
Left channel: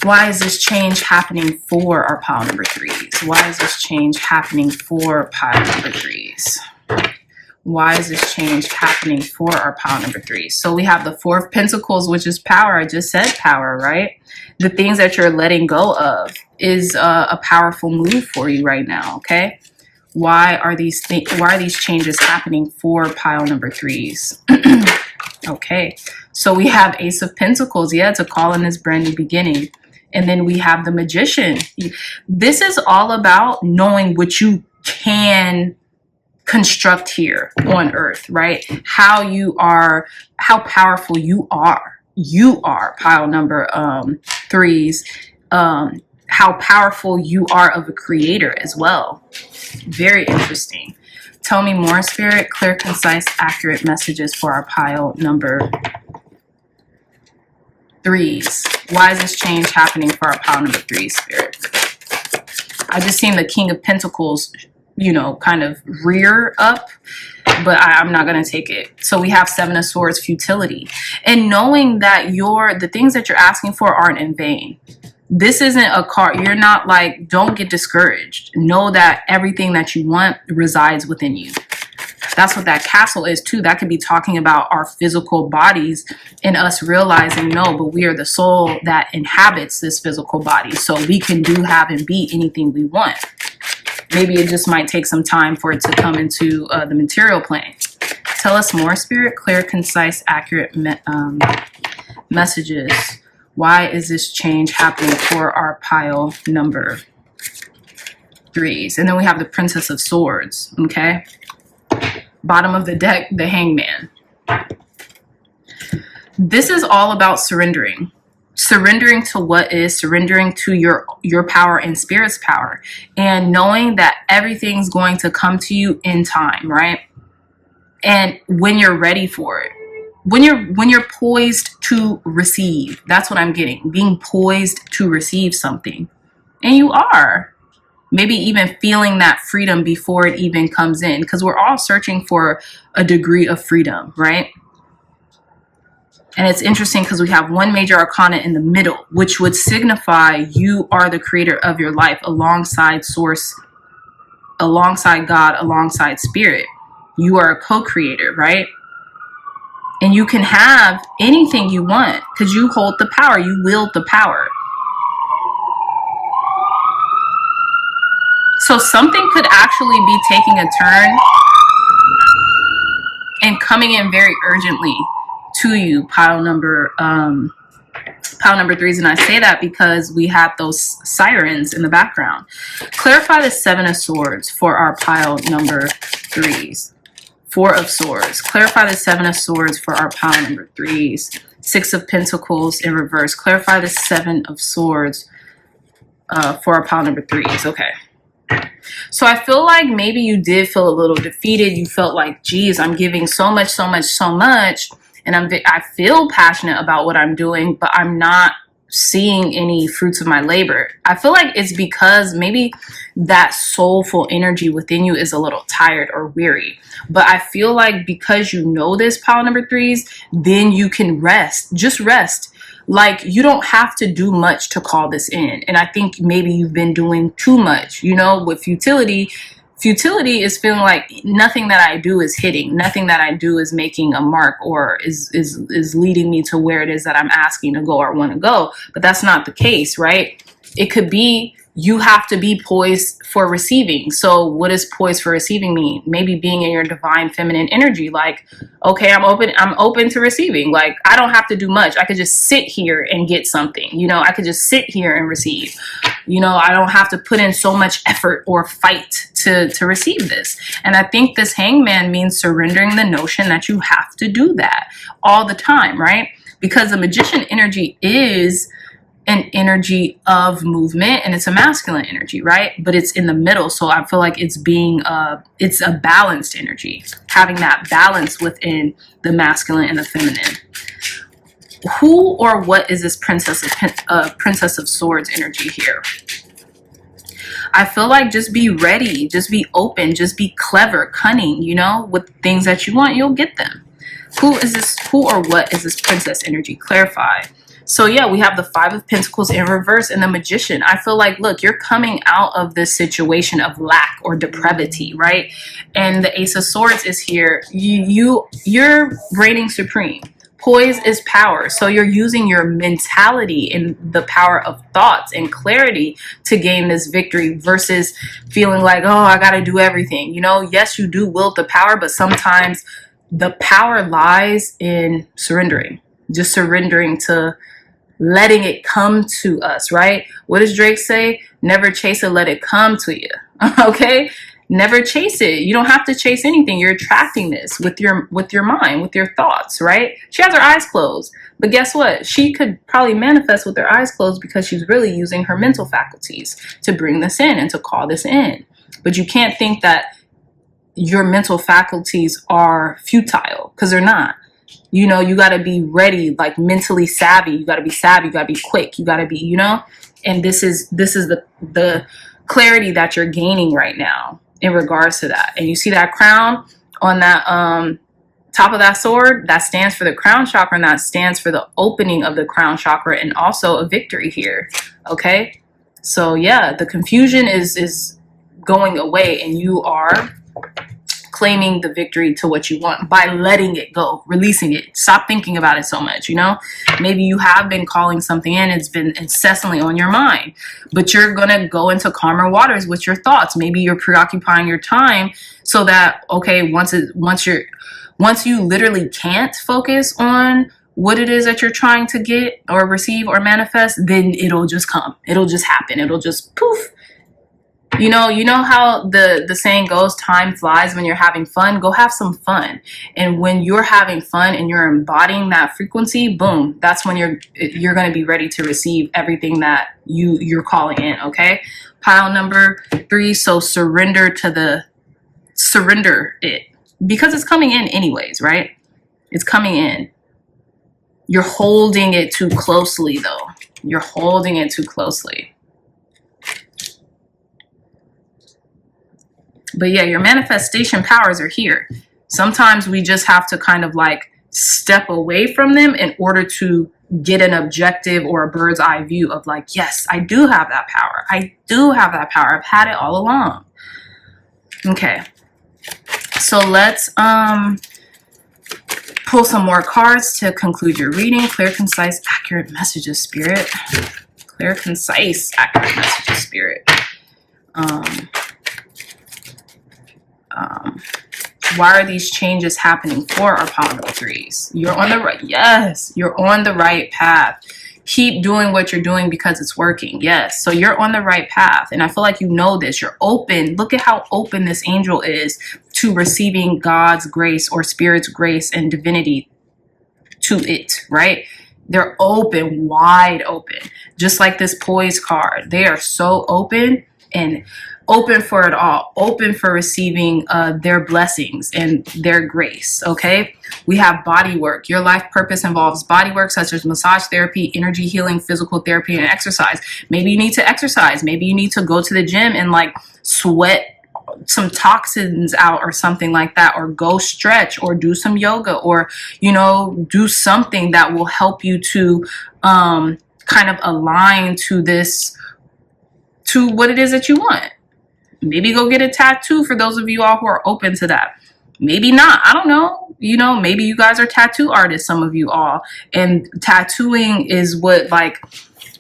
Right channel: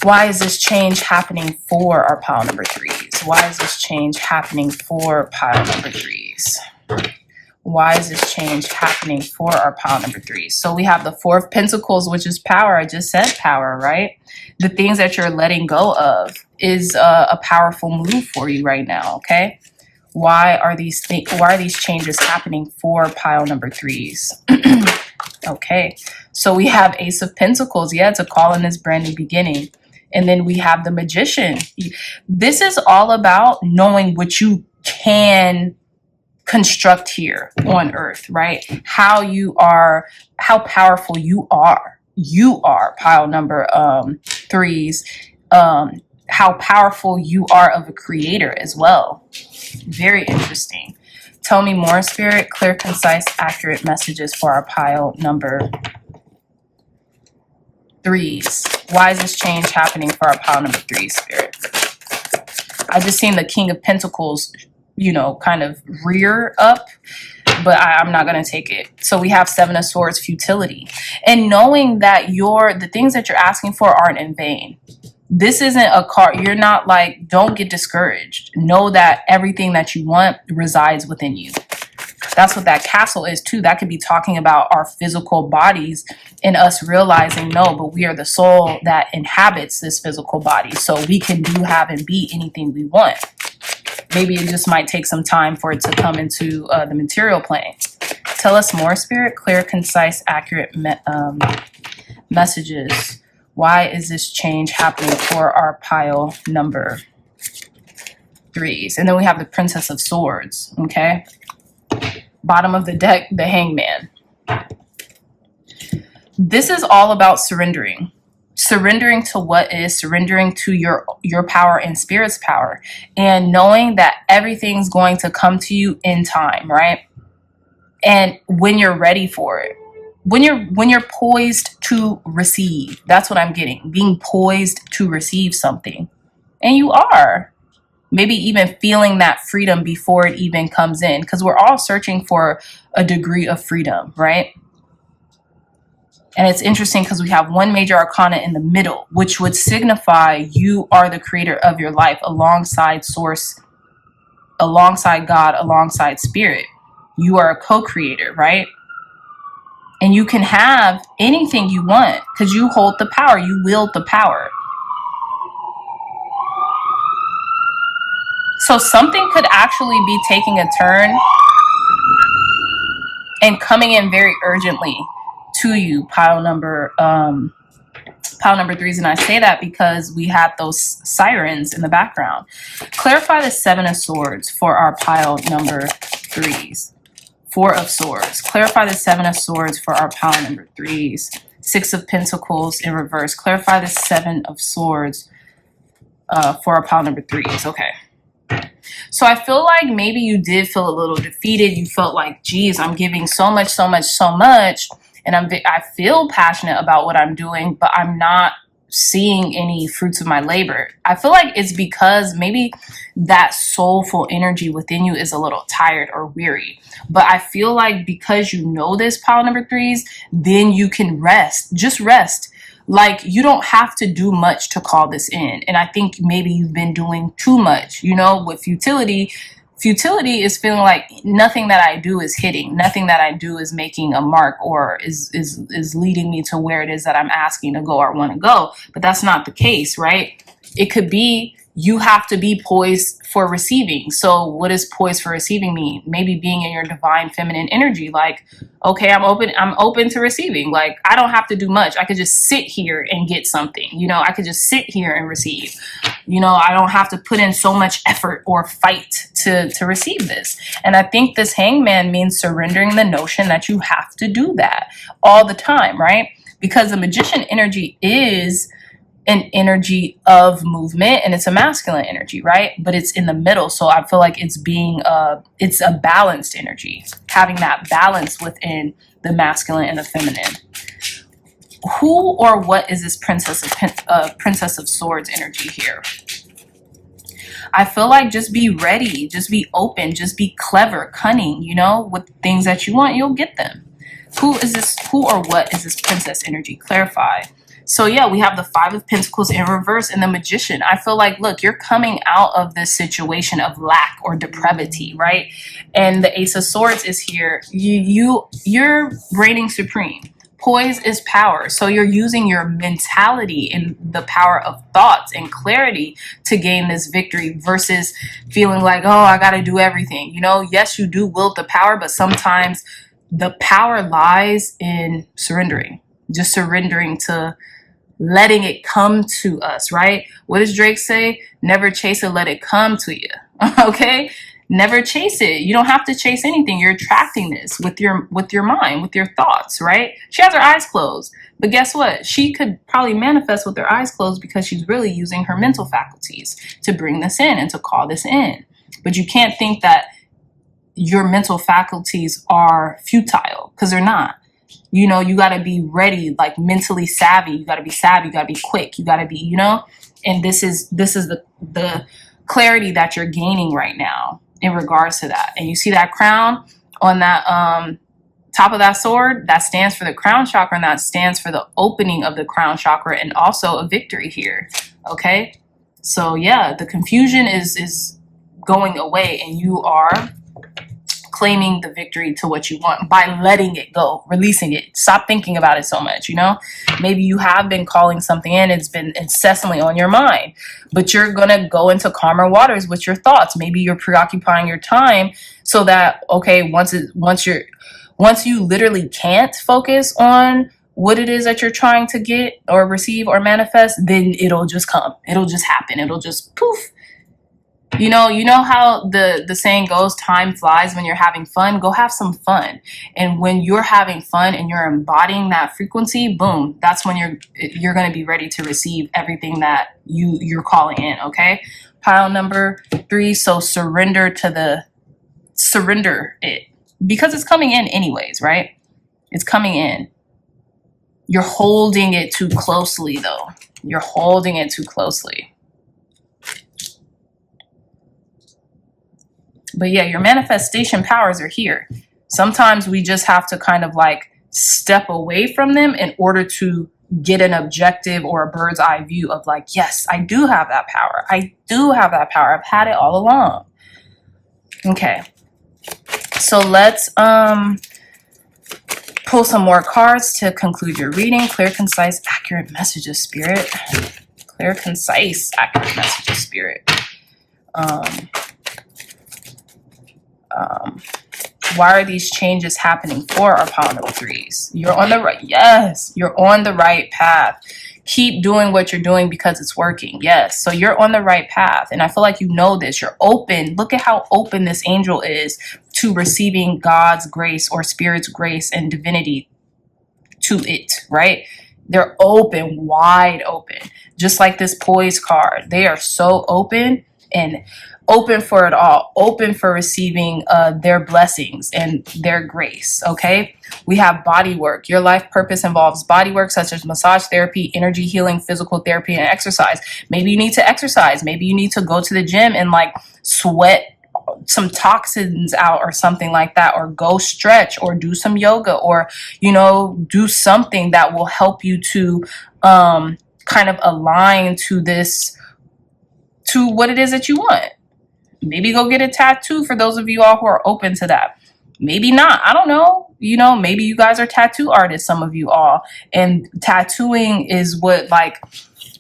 Why is this change happening for our pile number 3s? Why is this change happening for pile number 3s? Why is this change happening for our pile number 3? So we have the 4 of Pentacles, which is power. I just said power, right? The things that you're letting go of is a powerful move for you right now, okay? Why are these changes happening for pile number 3s? Okay, so we have Ace of Pentacles. Yeah, it's a call in this brand new beginning. And then we have the Magician. This is all about knowing what you can construct here on earth, right? How powerful you are. You are pile number threes. How powerful you are of a creator as well. Very interesting. Tell me more, Spirit. Clear, concise, accurate messages for our pile number threes. Why is this change happening for our pile number threes, Spirit? I just seen the King of Pentacles, you know, kind of rear up, but I'm not going to take it. So we have Seven of Swords, futility. And knowing that the things that you're asking for aren't in vain. This isn't a card. You're not like, don't get discouraged. Know that everything that you want resides within you. That's what that castle is too. That could be talking about our physical bodies and us realizing, no, but we are the soul that inhabits this physical body. So we can do, have, and be anything we want. Maybe it just might take some time for it to come into the material plane. Tell us more, Spirit. Clear, concise, accurate messages. Why is this change happening for our pile number threes? And then we have the Princess of Swords, okay? Bottom of the deck, the Hangman. This is all about surrendering. Surrendering to what is, surrendering to your power and Spirit's power, and knowing that everything's going to come to you in time, right? And when you're ready for it, when you're poised to receive, that's what I'm getting. Being poised to receive something, and you are. Maybe even feeling that freedom before it even comes in, because we're all searching for a degree of freedom, right? And it's interesting because we have one major arcana in the middle, which would signify you are the creator of your life alongside source, alongside God, alongside Spirit. You are a co-creator, right? And you can have anything you want because you hold the power. You wield the power. So something could actually be taking a turn and coming in very urgently to you, pile number threes. And I say that because we have those sirens in the background. Clarify the Seven of Swords for our pile number threes. Four of Swords. Clarify the Seven of Swords for our pile number threes. Six of Pentacles in reverse. Clarify the Seven of Swords for our pile number threes. Okay. So I feel like maybe you did feel a little defeated. You felt like, geez, I'm giving so much, so much, so much. And I feel passionate about what I'm doing, but I'm not seeing any fruits of my labor. I feel like it's because maybe that soulful energy within you is a little tired or weary. But I feel like because you know this, pile number threes, then you can rest. Just rest. Like, you don't have to do much to call this in. And I think maybe you've been doing too much, you know, with futility. Futility is feeling like nothing that I do is hitting. Nothing that I do is making a mark or is leading me to where it is that I'm asking to go or want to go. But that's not the case, right? It could be you have to be poised for receiving. So what does poised for receiving mean? Maybe being in your divine feminine energy. Like, okay, I'm open to receiving. Like, I don't have to do much. I could just sit here and get something. You know, I could just sit here and receive. You know, I don't have to put in so much effort or fight to receive this. And I think this Hangman means surrendering the notion that you have to do that all the time, right? Because the Magician energy is an energy of movement, and it's a masculine energy, right? But it's in the middle. So I feel like it's it's a balanced energy, having that balance within the masculine and the feminine. Who or what is this Princess of Swords energy here? I feel like just be ready, just be open, just be clever, cunning, you know, with things that you want, you'll get them. Who or what is this Princess energy? Clarify. So yeah, we have the Five of Pentacles in reverse and the Magician. I feel like, look, you're coming out of this situation of lack or depravity, right? And the Ace of Swords is here. You're reigning supreme. Poise is power. So you're using your mentality and the power of thoughts and clarity to gain this victory versus feeling like, oh, I got to do everything. You know, yes, you do wield the power, but sometimes the power lies in surrendering, just surrendering to letting it come to us, right? What does Drake say? Never chase it, let it come to you. Okay? Never chase it. You don't have to chase anything. You're attracting this with your mind, with your thoughts, right? She has her eyes closed. But guess what? She could probably manifest with her eyes closed because she's really using her mental faculties to bring this in and to call this in. But you can't think that your mental faculties are futile, because they're not. You know, you got to be ready, like mentally savvy. You got to be savvy. You got to be quick. You got to be, you know, and this is the clarity that you're gaining right now in regards to that. And you see that crown on that top of that sword, that stands for the crown chakra, and that stands for the opening of the crown chakra, and also a victory here. Okay, so yeah, the confusion is going away, and you are claiming the victory to what you want by letting it go, releasing it. Stop thinking about it so much. You know, maybe you have been calling something in, it's been incessantly on your mind, but you're gonna go into calmer waters with your thoughts. Maybe you're preoccupying your time so that, okay, once you literally can't focus on what it is that you're trying to get or receive or manifest, then it'll just come. It'll just happen. It'll just poof. You know how the saying goes, time flies when you're having fun. Go have some fun. And when you're having fun and you're embodying that frequency, boom, that's when you're going to be ready to receive everything that you're calling in, okay? Pile number 3, so surrender it. Because it's coming in anyways, right? It's coming in. You're holding it too closely, though. You're holding it too closely. But yeah, your manifestation powers are here. Sometimes we just have to kind of like step away from them in order to get an objective or a bird's eye view of like, yes, I do have that power. I do have that power. I've had it all along. Okay. So let's pull some more cards to conclude your reading. Clear, concise, accurate messages, Spirit. Clear, concise, accurate messages, Spirit. Why are these changes happening for our pile number 3s? You're on the right. Yes, you're on the right path. Keep doing what you're doing because it's working. Yes, so you're on the right path. And I feel like you know this. You're open. Look at how open this angel is to receiving God's grace or Spirit's grace and divinity to it, right? They're open, wide open. Just like this poise card. They are so open and open for it all, open for receiving their blessings and their grace, okay? We have body work. Your life purpose involves body work such as massage therapy, energy healing, physical therapy, and exercise. Maybe you need to exercise. Maybe you need to go to the gym and like sweat some toxins out or something like that, or go stretch or do some yoga, or, you know, do something that will help you to kind of align to this, to what it is that you want. Maybe go get a tattoo for those of you all who are open to that. Maybe not. I don't know. You know, maybe you guys are tattoo artists, some of you all. And tattooing is what like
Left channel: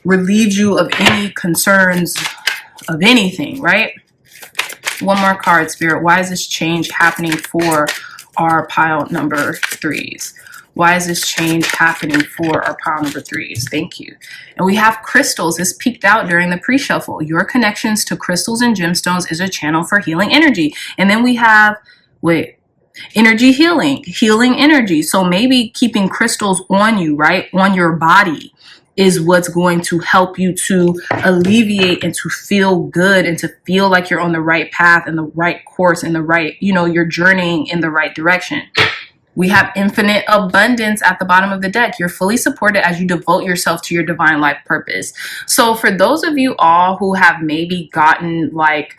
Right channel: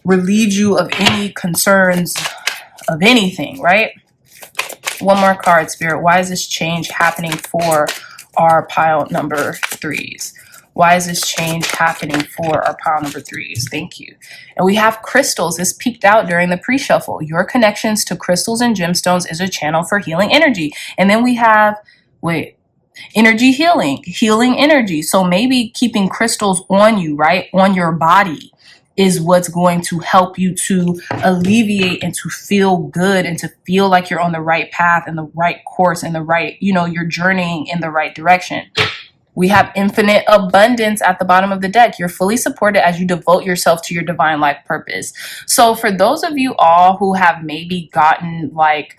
relieves you of any concerns of anything, right? One more card, Spirit. Why is this change happening for our pile number 3s? Why is this change happening for our pile number 3s? Thank you. And we have crystals. This peaked out during the pre-shuffle. Your connections to crystals and gemstones is a channel for healing energy. And then we have, energy healing energy. So maybe keeping crystals on you, right? On your body is what's going to help you to alleviate and to feel good and to feel like you're on the right path and the right course and the right, you know, you're journeying in the right direction. We have infinite abundance at the bottom of the deck. You're fully supported as you devote yourself to your divine life purpose. So for those of you all who have maybe gotten like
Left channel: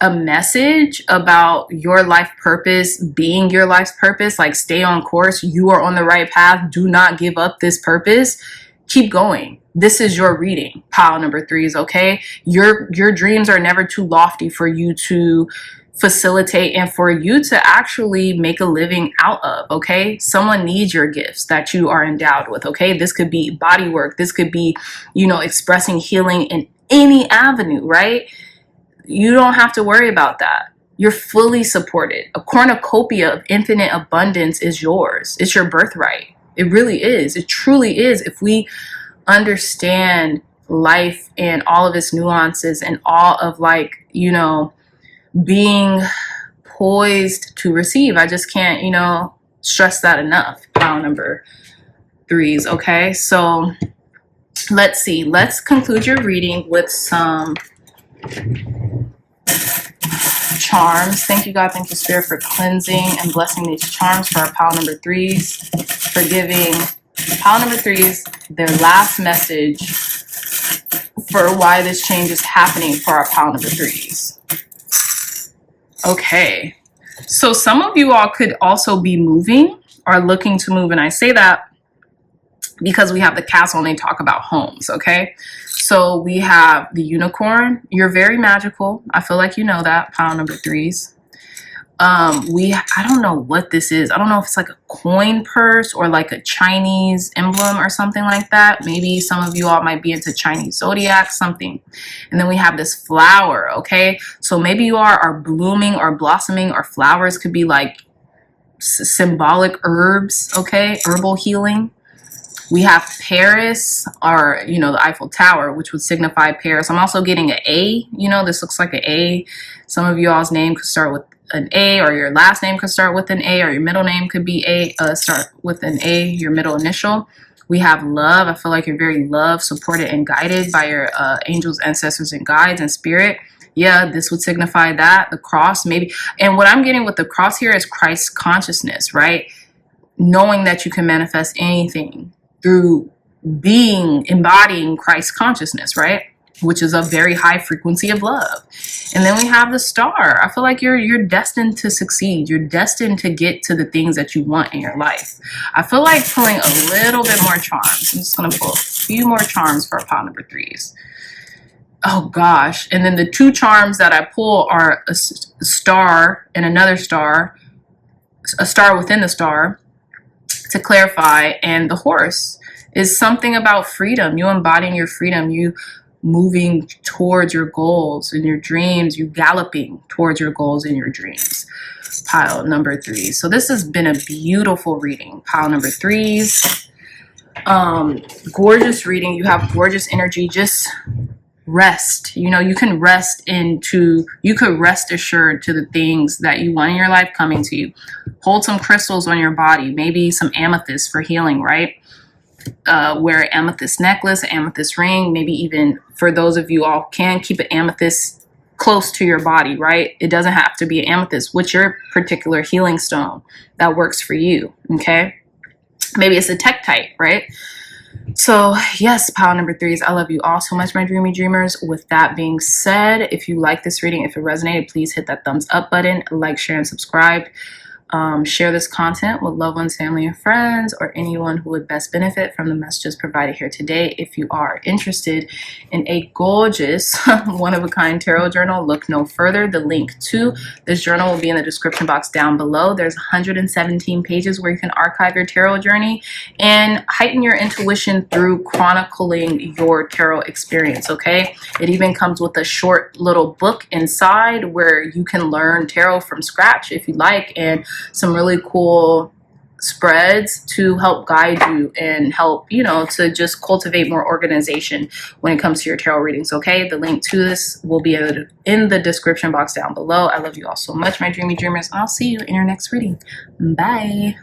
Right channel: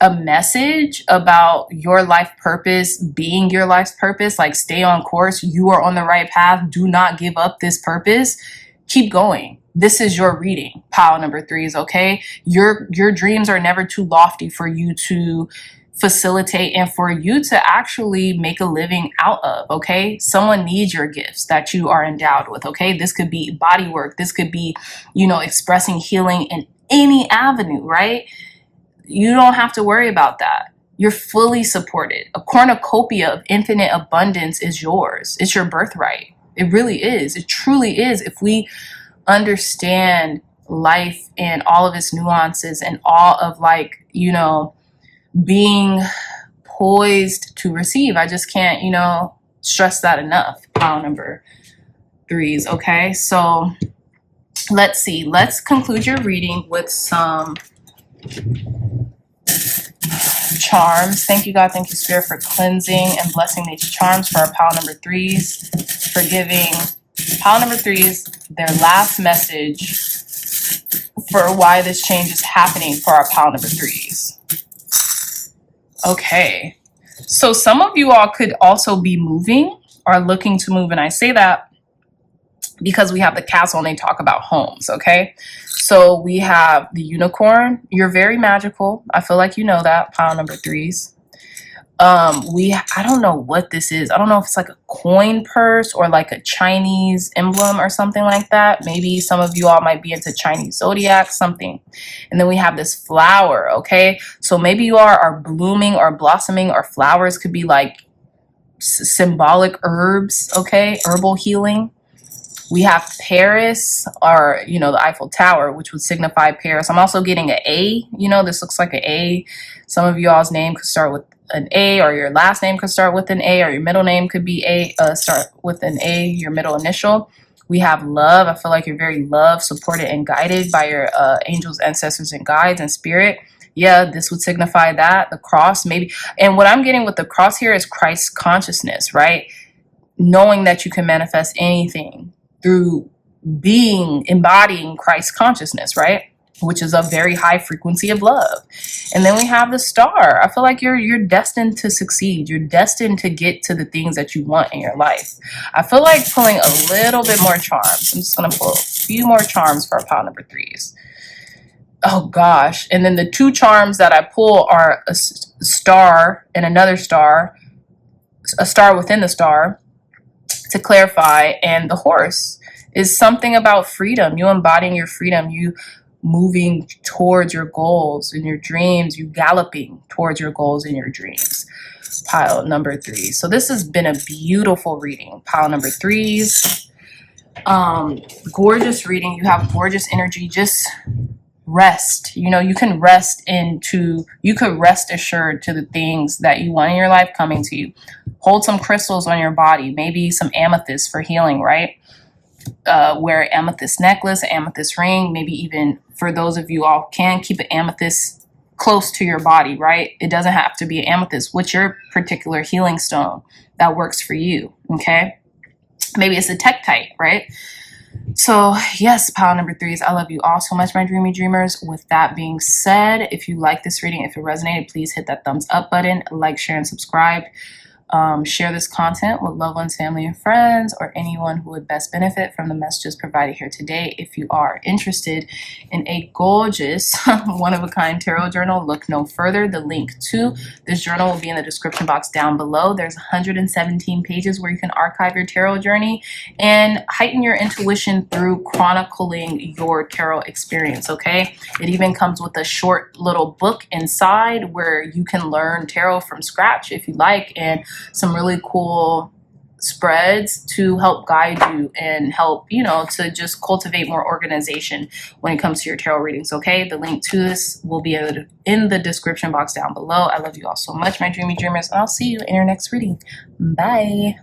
a message about your life purpose being your life's purpose, like stay on course, you are on the right path, do not give up this purpose, keep going. This is your reading, pile number 3s, okay? Your dreams are never too lofty for you to facilitate and for you to actually make a living out of, okay? Someone needs your gifts that you are endowed with, okay? This could be body work. This could be, you know, expressing healing in any avenue, right? You don't have to worry about that. You're fully supported. A cornucopia of infinite abundance is yours. It's your birthright. It really is. It truly is. If we understand life and all of its nuances and all of like, you know, being poised to receive. I just can't, stress that enough. Pile number 3s. Okay, so let's see. Let's conclude your reading with some charms. Thank you, God. Thank you, Spirit, for cleansing and blessing these charms for our pile number 3s, for giving pile number 3s their last message for why this change is happening for our pile number 3s. Okay, so some of you all could also be moving or looking to move, and I say that because we have the castle and they talk about homes. Okay, so we have the unicorn. You're very magical. I feel like you know that, pile number 3s. I don't know what this is. I don't know if it's like a coin purse or like a Chinese emblem or something like that. Maybe some of you all might be into Chinese zodiac, something. And then we have this flower. Okay, so maybe you are blooming or blossoming, or flowers could be like symbolic herbs. Okay, herbal healing. We have Paris, or, the Eiffel Tower, which would signify Paris. I'm also getting an A. This looks like an A. Some of y'all's name could start with an A, or your last name could start with an A, or your middle name could be start with an A, your middle initial. We have love. I feel like you're very loved, supported, and guided by your angels, ancestors, and guides and spirit. Yeah, this would signify that. The cross, maybe. And what I'm getting with the cross here is Christ consciousness, right? Knowing that you can manifest anything through embodying Christ consciousness, right? Which is a very high frequency of love. And then we have the star. I feel like you're destined to succeed. You're destined to get to the things that you want in your life. I feel like pulling a little bit more charms. I'm just going to pull a few more charms for our pile number 3s. Oh gosh. And then the 2 charms that I pull are a star and another star, a star within the star, to clarify. And the horse is something about freedom. You embodying your freedom. You moving towards your goals and your dreams. You galloping towards your goals and your dreams. Pile number 3. So this has been a beautiful reading. Pile number 3s. Gorgeous reading. You have gorgeous energy. Just rest. You can rest you could rest assured to the things that you want in your life coming to you. Hold some crystals on your body, maybe some amethyst for healing, right? Wear an amethyst necklace, an amethyst ring, maybe even, for those of you all can, keep an amethyst close to your body, right? It doesn't have to be an amethyst. What's your particular healing stone that works for you? Okay, maybe it's a Tektite, right? So yes, pile number 3s, I love you all so much, my dreamy dreamers. With that being said, if you like this reading, if it resonated, please hit that thumbs up button, like, share, and subscribe. Share this content with loved ones, family, and friends, or anyone who would best benefit from the messages provided here today. If you are interested in a gorgeous one-of-a-kind tarot journal, look no further. The link to this journal will be in the description box down below. There's 117 pages where you can archive your tarot journey and heighten your intuition through chronicling your tarot experience, okay? It even comes with a short little book inside where you can learn tarot from scratch if you like, and some really cool spreads to help guide you and help, to just cultivate more organization when it comes to your tarot readings, okay? The link to this will be in the description box down below. I love you all so much, my dreamy dreamers, and I'll see you in your next reading. Bye.